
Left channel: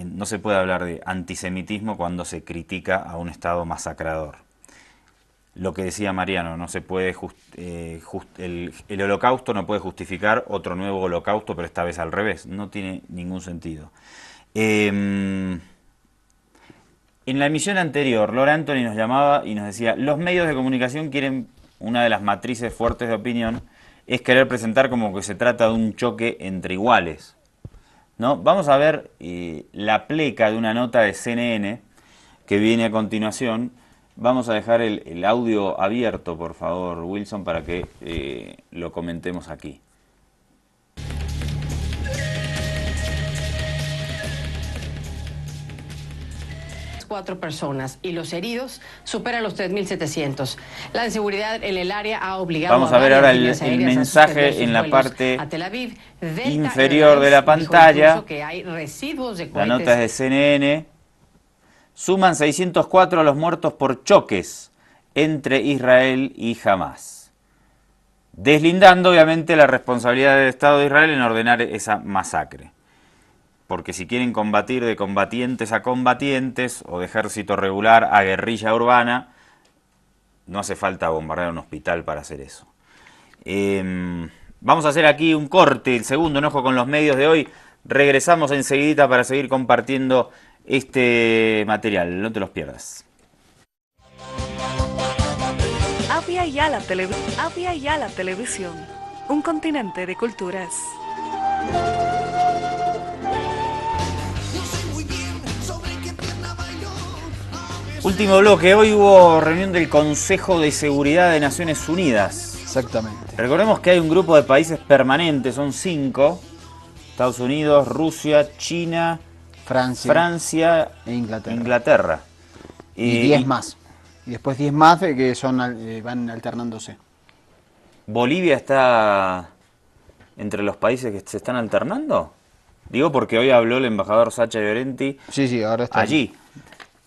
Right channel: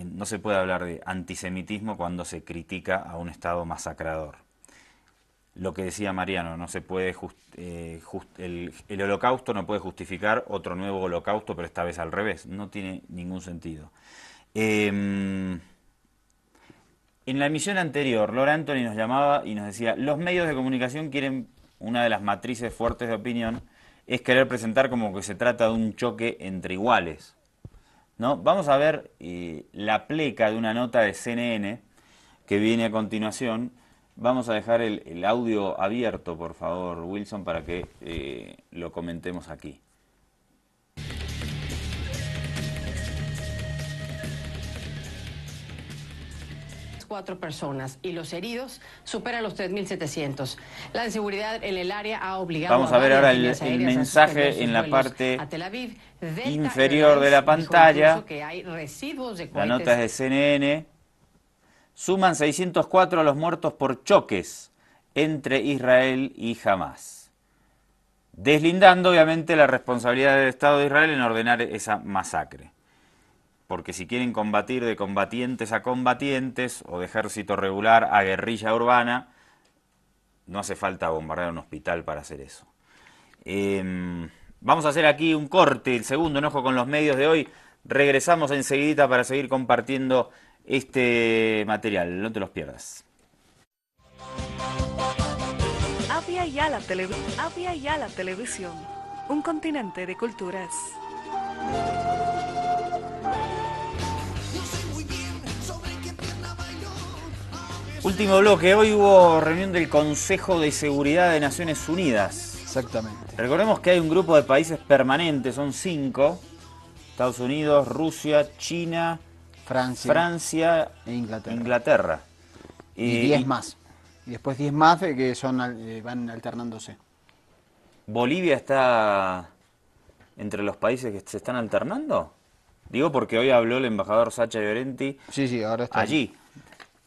No se puede hablar de antisemitismo cuando se critica a un Estado masacrador. Lo que decía Mariano, no se puede el holocausto no puede justificar otro nuevo holocausto, pero esta vez al revés, no tiene ningún sentido. En la emisión anterior, Laura Anthony nos llamaba y nos decía, los medios de comunicación quieren, una de las matrices fuertes de opinión, es querer presentar como que se trata de un choque entre iguales, ¿no? Vamos a ver la pleca de una nota de CNN que viene a continuación. Vamos a dejar el audio abierto, por favor, Wilson, para que lo comentemos aquí. 4 personas y los heridos superan los 3.700. La inseguridad en el área ha obligado a varias líneas aéreas a suspender sus vuelos a Tel Aviv. Delta Airlines dijo incluso que hay residuos de cohetes. Notas de CNN. Suman 604 los muertos por choques entre Israel y Hamás, deslindando obviamente la responsabilidad del Estado de Israel en ordenar esa masacre. Porque si quieren combatir de combatientes a combatientes o de ejército regular a guerrilla urbana, no hace falta bombardear un hospital para hacer eso. Vamos a hacer aquí un corte, el segundo enojo con los medios de hoy. Regresamos enseguida para seguir compartiendo este material. No te los pierdas. Avia Yala Televisión, un continente de culturas. Último bloque. Hoy hubo reunión del Consejo de Seguridad de Naciones Unidas. Exactamente. Recordemos que hay un grupo de países permanentes, son 5. Estados Unidos, Rusia, China, Francia e Inglaterra. Inglaterra. Y 10 más. Y después 10 más que son van alternándose. ¿Bolivia está entre los países que se están alternando? Digo porque hoy habló el embajador Sacha Llorenti. Sí, ahora está allí.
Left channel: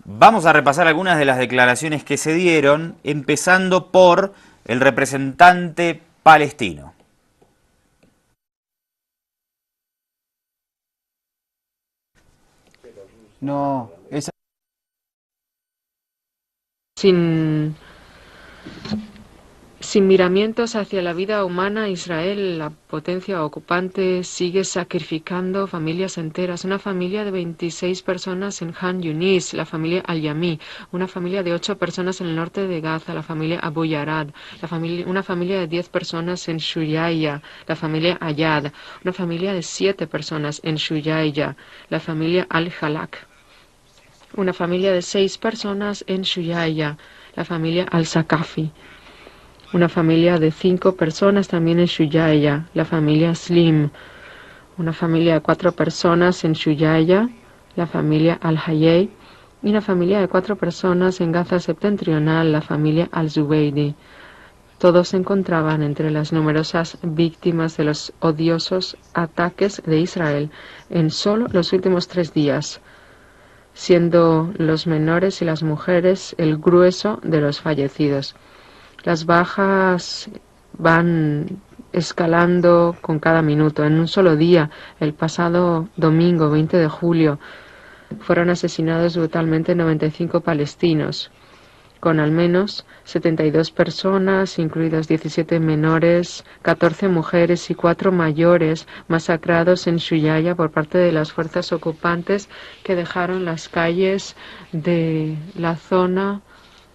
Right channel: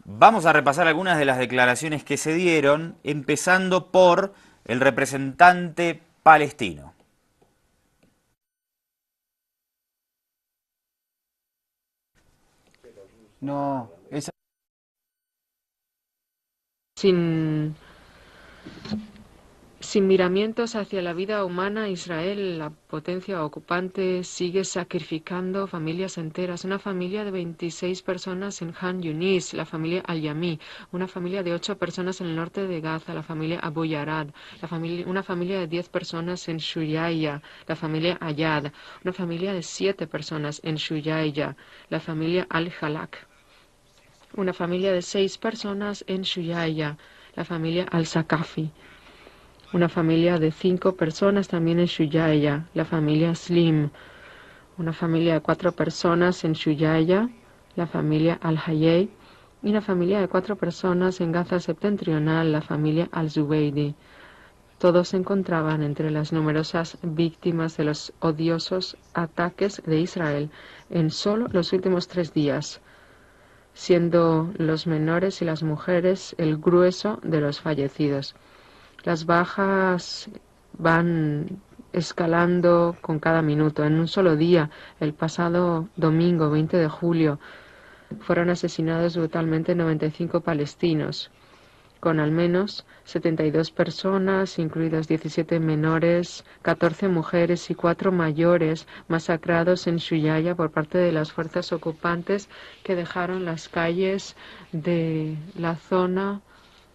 Vamos a repasar algunas de las declaraciones que se dieron, empezando por el representante palestino. No, esa... Sin miramientos hacia la vida humana, Israel, la potencia ocupante, sigue sacrificando familias enteras. Una familia de 26 personas en Han Yunis, la familia Al-Yami, una familia de 8 personas en el norte de Gaza, la familia Abu Yarad, una familia de 10 personas en Shuyaya, la familia Ayad, una familia de 7 personas en Shuyaya, la familia Al-Halak, una familia de 6 personas en Shuyaya, la familia Al-Sakafi, una familia de 5 personas también en Shuyaya, la familia Slim, una familia de 4 personas en Shuyaya, la familia Al-Hayei, y una familia de 4 personas en Gaza septentrional, la familia Al-Zubeidi. Todos se encontraban entre las numerosas víctimas de los odiosos ataques de Israel en solo los últimos 3 días, siendo los menores y las mujeres el grueso de los fallecidos. Las bajas van escalando con cada minuto. En un solo día, el pasado domingo 20 de julio, fueron asesinados brutalmente 95 palestinos, con al menos 72 personas, incluidas 17 menores, 14 mujeres y 4 mayores, masacrados en Shuyaya por parte de las fuerzas ocupantes que dejaron las calles de la zona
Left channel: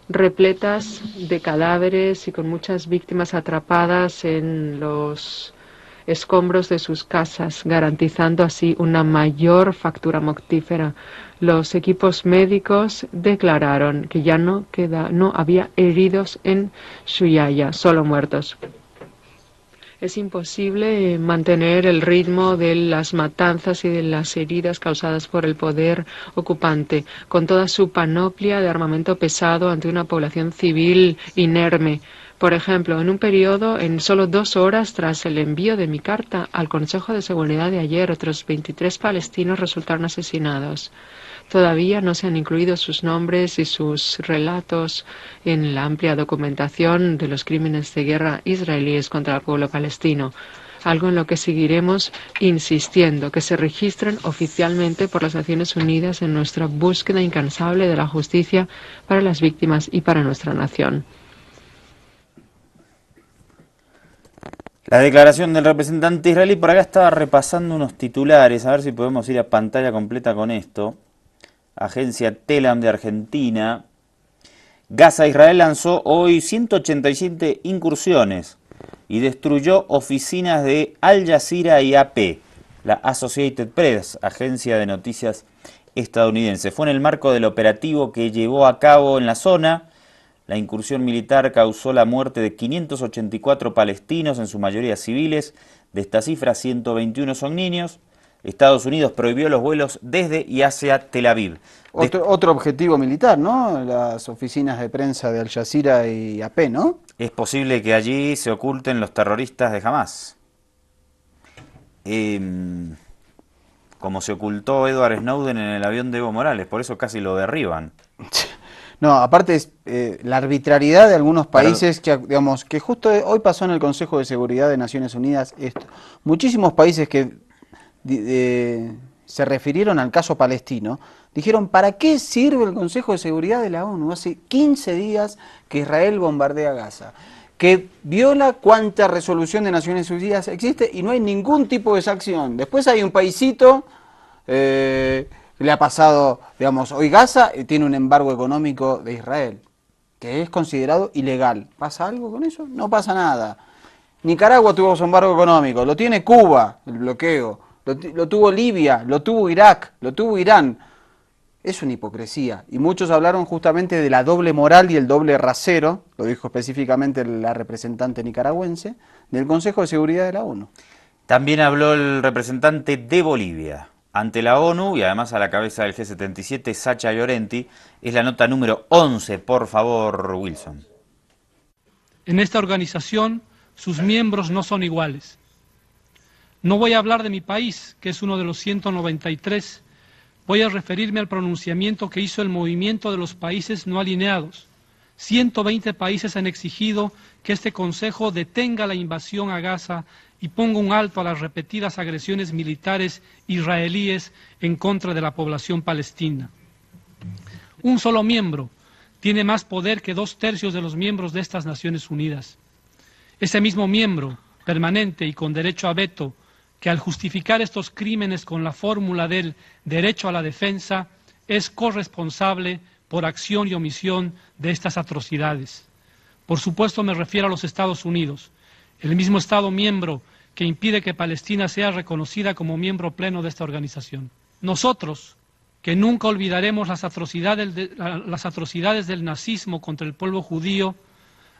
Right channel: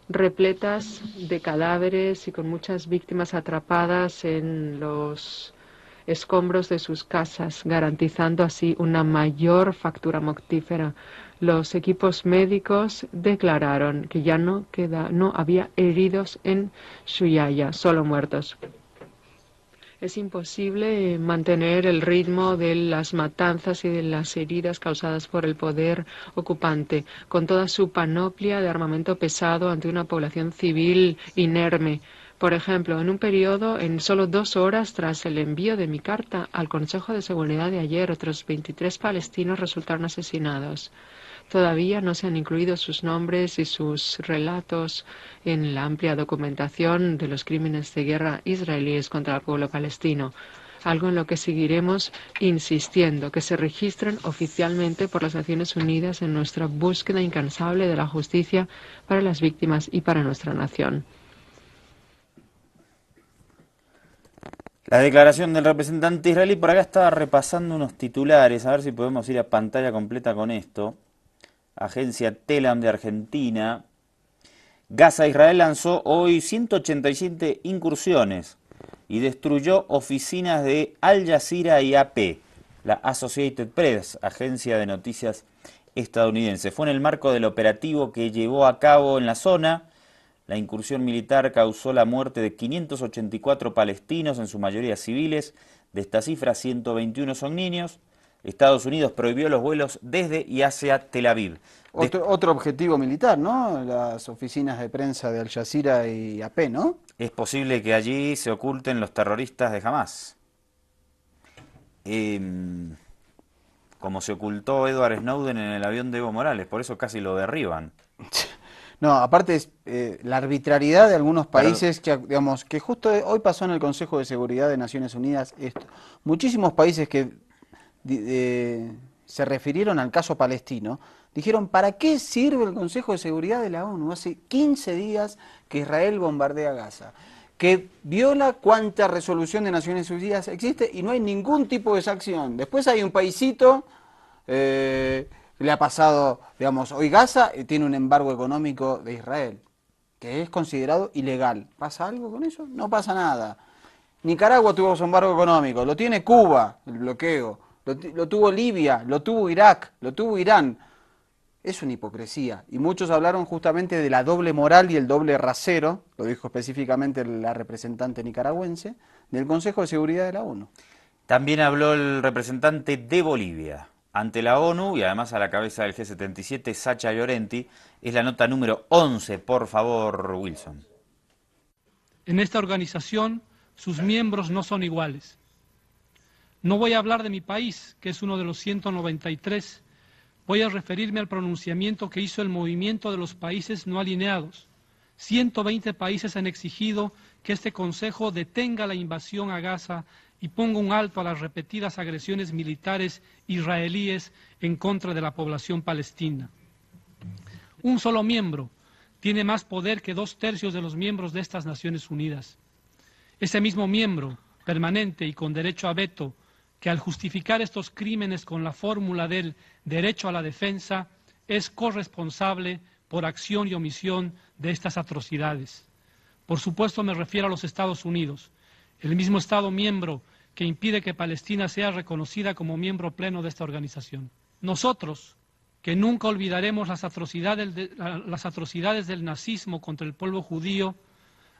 repletas de cadáveres y con muchas víctimas atrapadas en los escombros de sus casas, garantizando así una mayor factura mortífera. Los equipos médicos declararon que ya no había heridos en Shuyaya, solo muertos. Es imposible mantener el ritmo de las matanzas y de las heridas causadas por el poder ocupante, con toda su panoplia de armamento pesado ante una población civil inerme. Por ejemplo, en un periodo, en solo 2 horas tras el envío de mi carta al Consejo de Seguridad de ayer, otros 23 palestinos resultaron asesinados. Todavía no se han incluido sus nombres y sus relatos en la amplia documentación de los crímenes de guerra israelíes contra el pueblo palestino, algo en lo que seguiremos insistiendo, que se registren oficialmente por las Naciones Unidas en nuestra búsqueda incansable de la justicia para las víctimas y para nuestra nación. La declaración del representante israelí, por acá estaba repasando unos titulares, a ver si podemos ir a pantalla completa con esto. agencia Telam de Argentina. Gaza, Israel lanzó hoy 187 incursiones y destruyó oficinas de Al Jazeera y AP, la Associated Press, agencia de noticias estadounidense. Fue en el marco del operativo que llevó a cabo en la zona. La incursión militar causó la muerte de 584 palestinos, en su mayoría civiles. De esta cifra, 121 son niños. Estados Unidos prohibió los vuelos desde y hacia Tel Aviv. Otro objetivo militar, ¿no? Las oficinas de prensa de Al Jazeera y AP, ¿no? Es posible que allí se oculten los terroristas de Hamás. Como se ocultó Edward Snowden en el avión de Evo Morales, por eso casi lo derriban. No, aparte es la arbitrariedad de algunos países que, digamos, que justo hoy pasó en el Consejo de Seguridad de Naciones Unidas esto. Muchísimos países que se refirieron al caso palestino dijeron, ¿para qué sirve el Consejo de Seguridad de la ONU? Hace 15 días que Israel bombardea Gaza, que viola cuánta resolución de Naciones Unidas existe y no hay ningún tipo de sanción. Después hay un paisito, le ha pasado, digamos, hoy Gaza tiene un embargo económico de Israel, que es considerado ilegal. ¿Pasa algo con eso? No pasa nada. Nicaragua tuvo su embargo económico, lo tiene Cuba, el bloqueo, lo tuvo Libia, lo tuvo Irak, lo tuvo Irán. Es una hipocresía. Y muchos hablaron justamente de la doble moral y el doble rasero, lo dijo específicamente la representante nicaragüense, del Consejo de Seguridad de la ONU. También habló el representante de Bolivia ante la ONU y además a la cabeza del G77, Sacha Llorenti. Es la nota número 11, por favor, Wilson. En esta organización, sus miembros no son iguales. No voy a hablar de mi país, que es uno de los 193. Voy a referirme al pronunciamiento que hizo el movimiento de los países no alineados. 120 países han exigido que este Consejo detenga la invasión a Gaza y ponga un alto a las repetidas agresiones militares israelíes en contra de la población palestina. Un solo miembro tiene más poder que 2/3 de los miembros de estas Naciones Unidas. Ese mismo miembro, permanente y con derecho a veto, que al justificar estos crímenes con la fórmula del derecho a la defensa, es corresponsable por acción y omisión de estas atrocidades. Por supuesto me refiero a los Estados Unidos, el mismo Estado miembro que impide que Palestina sea reconocida como miembro pleno de esta organización. Nosotros, que nunca olvidaremos las atrocidades del nazismo contra el pueblo judío,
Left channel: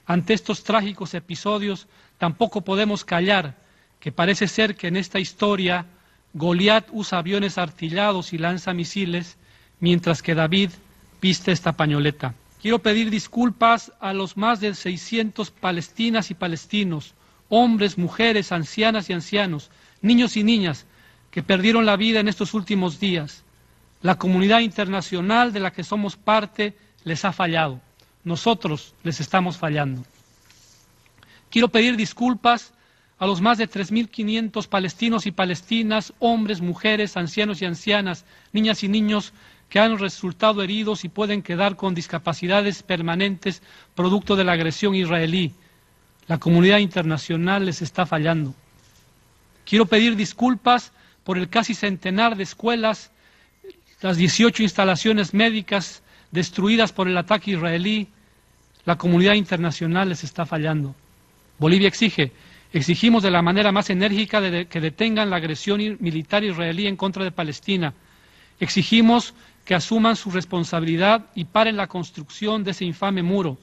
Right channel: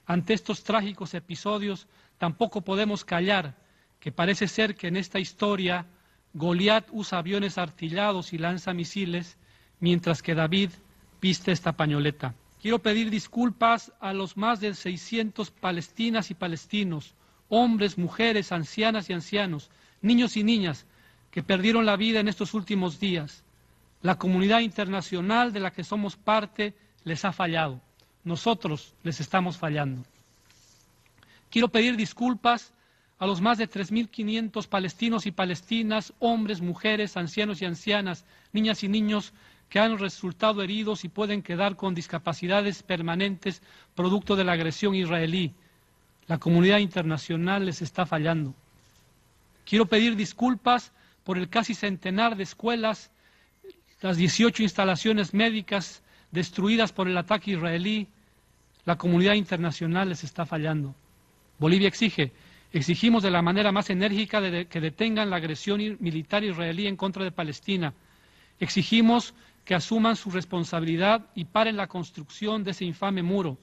ante estos trágicos episodios tampoco podemos callar que parece ser que en esta historia Goliat usa aviones artillados y lanza misiles, mientras que David viste esta pañoleta. Quiero pedir disculpas a los más de 600 palestinas y palestinos, hombres, mujeres, ancianas y ancianos, niños y niñas, que perdieron la vida en estos últimos días. La comunidad internacional de la que somos parte les ha fallado. Nosotros les estamos fallando. Quiero pedir disculpas a los más de 3.500 palestinos y palestinas, hombres, mujeres, ancianos y ancianas, niñas y niños que han resultado heridos y pueden quedar con discapacidades permanentes producto de la agresión israelí. La comunidad internacional les está fallando. Quiero pedir disculpas por el casi centenar de escuelas, las 18 instalaciones médicas destruidas por el ataque israelí. La comunidad internacional les está fallando. Bolivia exigimos de la manera más enérgica que detengan la agresión militar israelí en contra de Palestina. Exigimos que asuman su responsabilidad y paren la construcción de ese infame muro.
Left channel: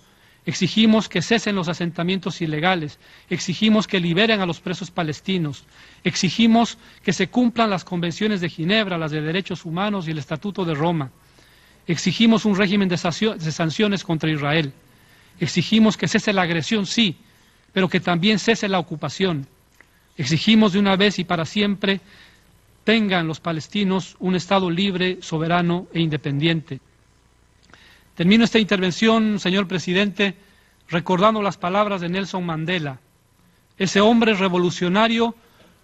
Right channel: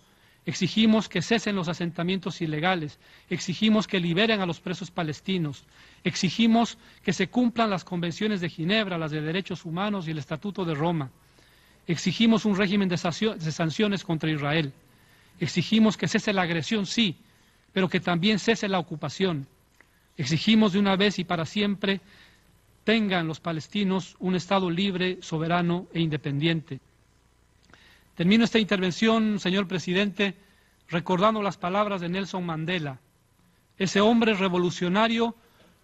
Exigimos que cesen los asentamientos ilegales. Exigimos que liberen a los presos palestinos. Exigimos que se cumplan las convenciones de Ginebra, las de derechos humanos y el Estatuto de Roma. Exigimos un régimen de sanciones contra Israel. Exigimos que cese la agresión, sí, pero que también cese la ocupación. Exigimos de una vez y para siempre tengan los palestinos un Estado libre, soberano e independiente. Termino esta intervención, señor presidente, recordando las palabras de Nelson Mandela, ese hombre revolucionario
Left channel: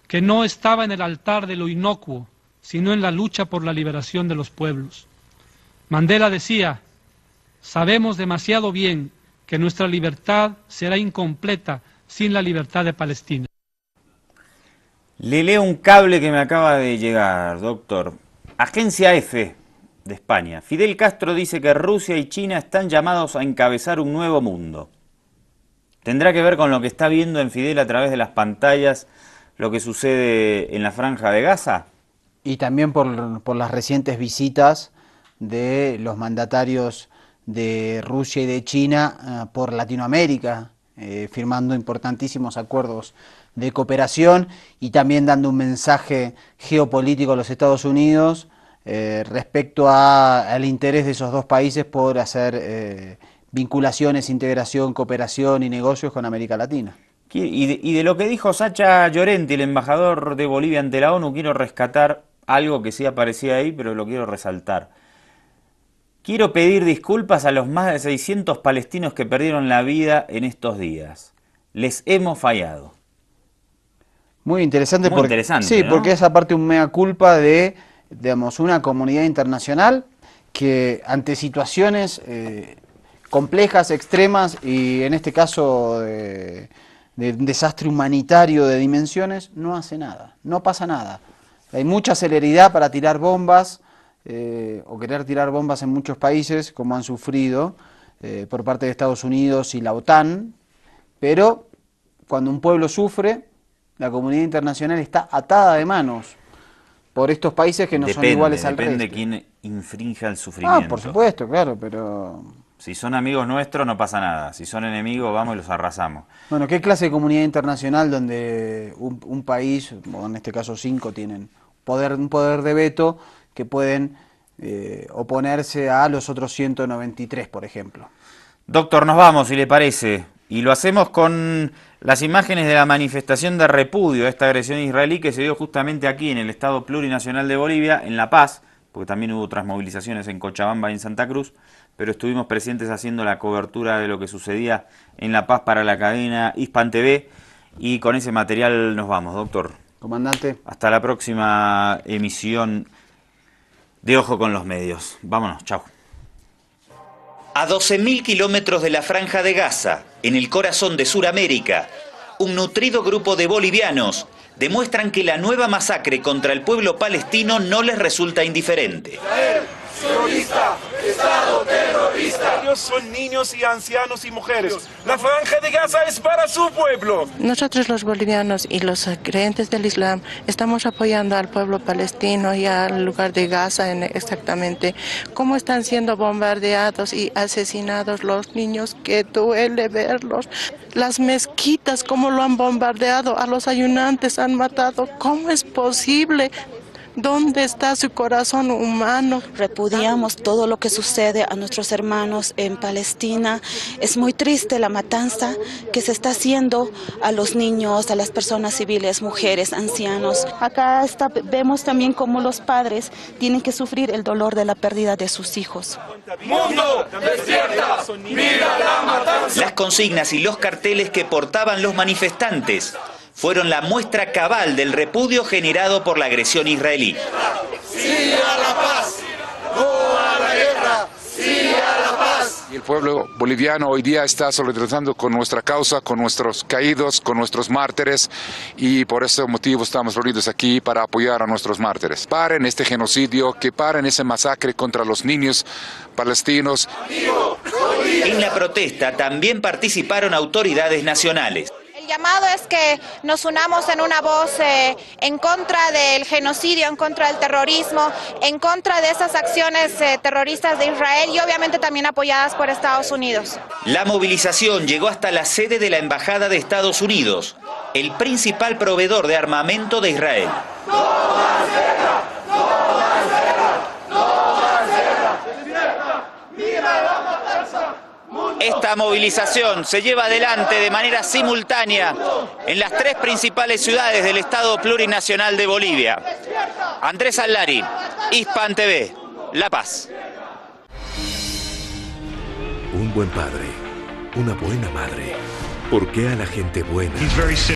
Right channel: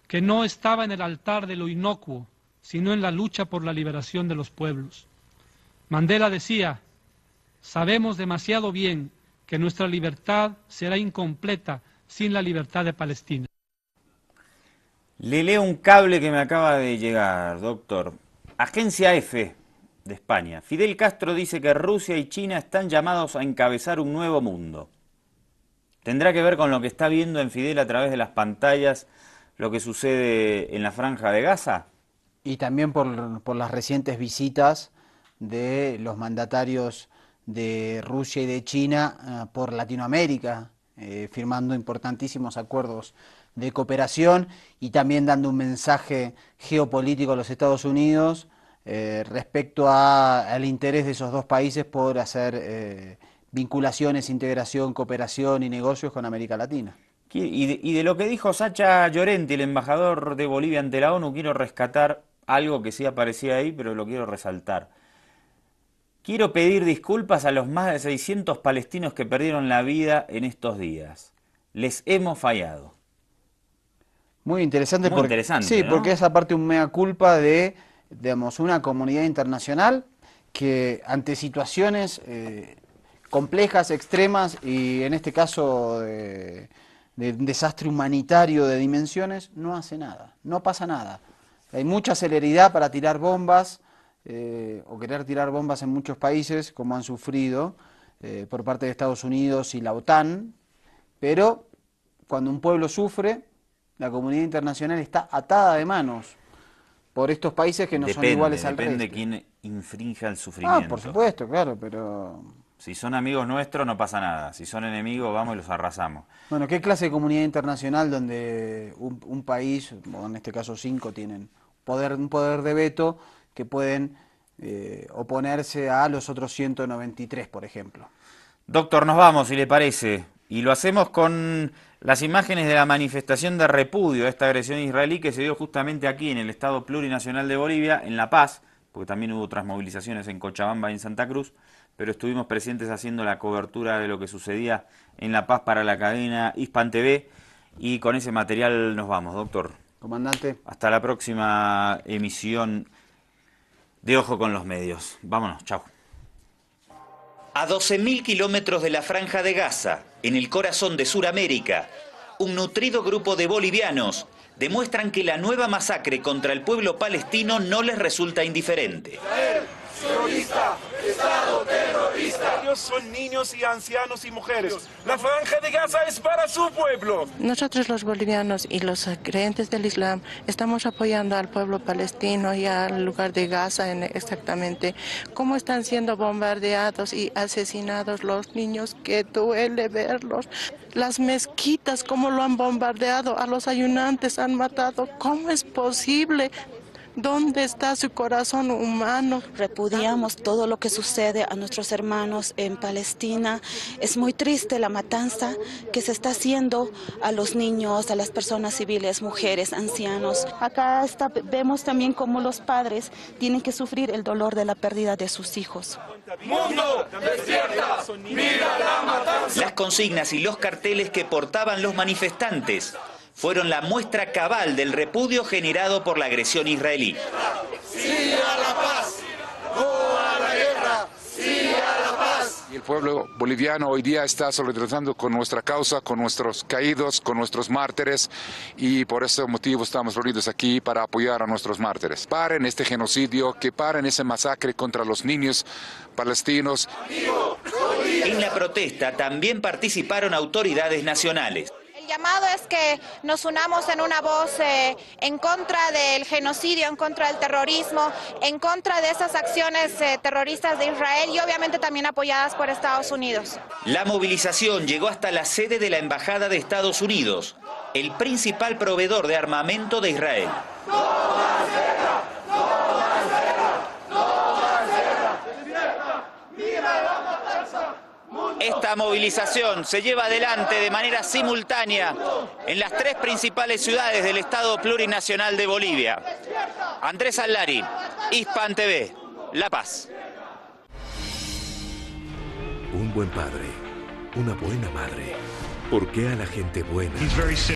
que no estaba en el altar de lo inocuo, sino en la lucha por la liberación de los pueblos. Mandela decía, sabemos demasiado bien que nuestra libertad será incompleta sin la libertad de Palestina. Le leo un cable que me acaba de llegar, doctor. Agencia EFE de España. Fidel Castro dice que Rusia y China están llamados a encabezar un nuevo mundo. ¿Tendrá que ver con lo que está viendo en Fidel a través de las pantallas lo que sucede en la Franja de Gaza? Y también por las recientes visitas de los mandatarios de Rusia y de China por Latinoamérica, firmando importantísimos acuerdos de cooperación y también dando un mensaje geopolítico a los Estados Unidos respecto al interés de esos dos países por hacer vinculaciones, integración, cooperación y negocios con América Latina. Y de lo que dijo Sacha Llorenti, el embajador de Bolivia ante la ONU, quiero rescatar algo que sí aparecía ahí, pero lo quiero resaltar. Quiero pedir disculpas a los más de 600 palestinos que perdieron la vida en estos días. Les hemos fallado. Muy interesante, Muy interesante, sí, ¿no? Porque es aparte un mea culpa de, digamos, una comunidad internacional que ante situaciones complejas, extremas y en este caso de un desastre humanitario de dimensiones, no hace nada, no pasa nada. Hay mucha celeridad para tirar bombas o querer tirar bombas en muchos países, como han sufrido por parte de Estados Unidos y la OTAN, pero cuando un pueblo sufre, la comunidad internacional está atada de manos por estos países que no son iguales al resto. Depende de quién infrinja el sufrimiento. Por supuesto, claro, pero... Si son amigos nuestros no pasa nada, si son enemigos vamos y los arrasamos. Bueno, ¿qué clase de comunidad internacional donde un país, o en este caso 5, tienen un poder de veto que pueden oponerse a los otros 193, por ejemplo? Doctor, nos vamos, si le parece, y lo hacemos con las imágenes de la manifestación de repudio a esta agresión israelí que se dio justamente aquí en el Estado Plurinacional de Bolivia, en La Paz, porque también hubo otras movilizaciones en Cochabamba y en Santa Cruz, pero estuvimos presentes haciendo la cobertura de lo que sucedía en La Paz para la cadena Hispan TV, y con ese material nos vamos, doctor. Comandante. Hasta la próxima emisión de Ojo con los Medios. Vámonos, chao. A 12.000 kilómetros de la Franja de Gaza, en el corazón de Sudamérica, un nutrido grupo de bolivianos demuestran que la nueva masacre contra el pueblo palestino no les resulta indiferente. Sionista, Estado terrorista. Ellos son niños y ancianos y mujeres. La Franja de Gaza es para su pueblo. Nosotros los bolivianos y los creyentes del Islam estamos apoyando al pueblo palestino y al lugar de Gaza exactamente. Cómo están siendo bombardeados y asesinados los niños, que duele verlos. Las mezquitas, cómo lo han bombardeado, a los ayunantes han matado. ¿Cómo es posible? ¿Dónde está su corazón humano? Repudiamos todo lo que sucede a nuestros hermanos en Palestina. Es muy triste la matanza que se está haciendo a los niños, a las personas civiles, mujeres, ancianos. Acá vemos también cómo los padres tienen que sufrir el dolor de la pérdida de sus hijos. ¡Mundo, despierta! ¡Mira la matanza! Las consignas y los carteles que portaban los manifestantes fueron la muestra cabal del repudio generado por la agresión israelí. ¡Sí a la paz! ¡No a la guerra! ¡Sí a la paz! Y el pueblo boliviano hoy día está solidarizando con nuestra causa, con nuestros caídos, con nuestros mártires, y por ese motivo estamos reunidos aquí para apoyar a nuestros mártires. Paren este genocidio, que paren ese masacre contra los niños palestinos. En la protesta también participaron autoridades nacionales. El llamado es que nos unamos en una voz en contra del genocidio, en contra del terrorismo, en contra de esas acciones terroristas de Israel y obviamente también apoyadas por Estados Unidos. La movilización llegó hasta la sede de la Embajada de Estados Unidos, el principal proveedor de armamento de Israel. ¡No más guerra! ¡No más guerra! ¡No más guerra! ¡Despierta! ¡Mira la matanza! Esta movilización se lleva adelante de manera simultánea en las 3 principales ciudades del Estado Plurinacional de Bolivia. Andrés Allari, Hispan TV, La Paz. Un buen padre, una buena madre. ¿Por qué a la gente buena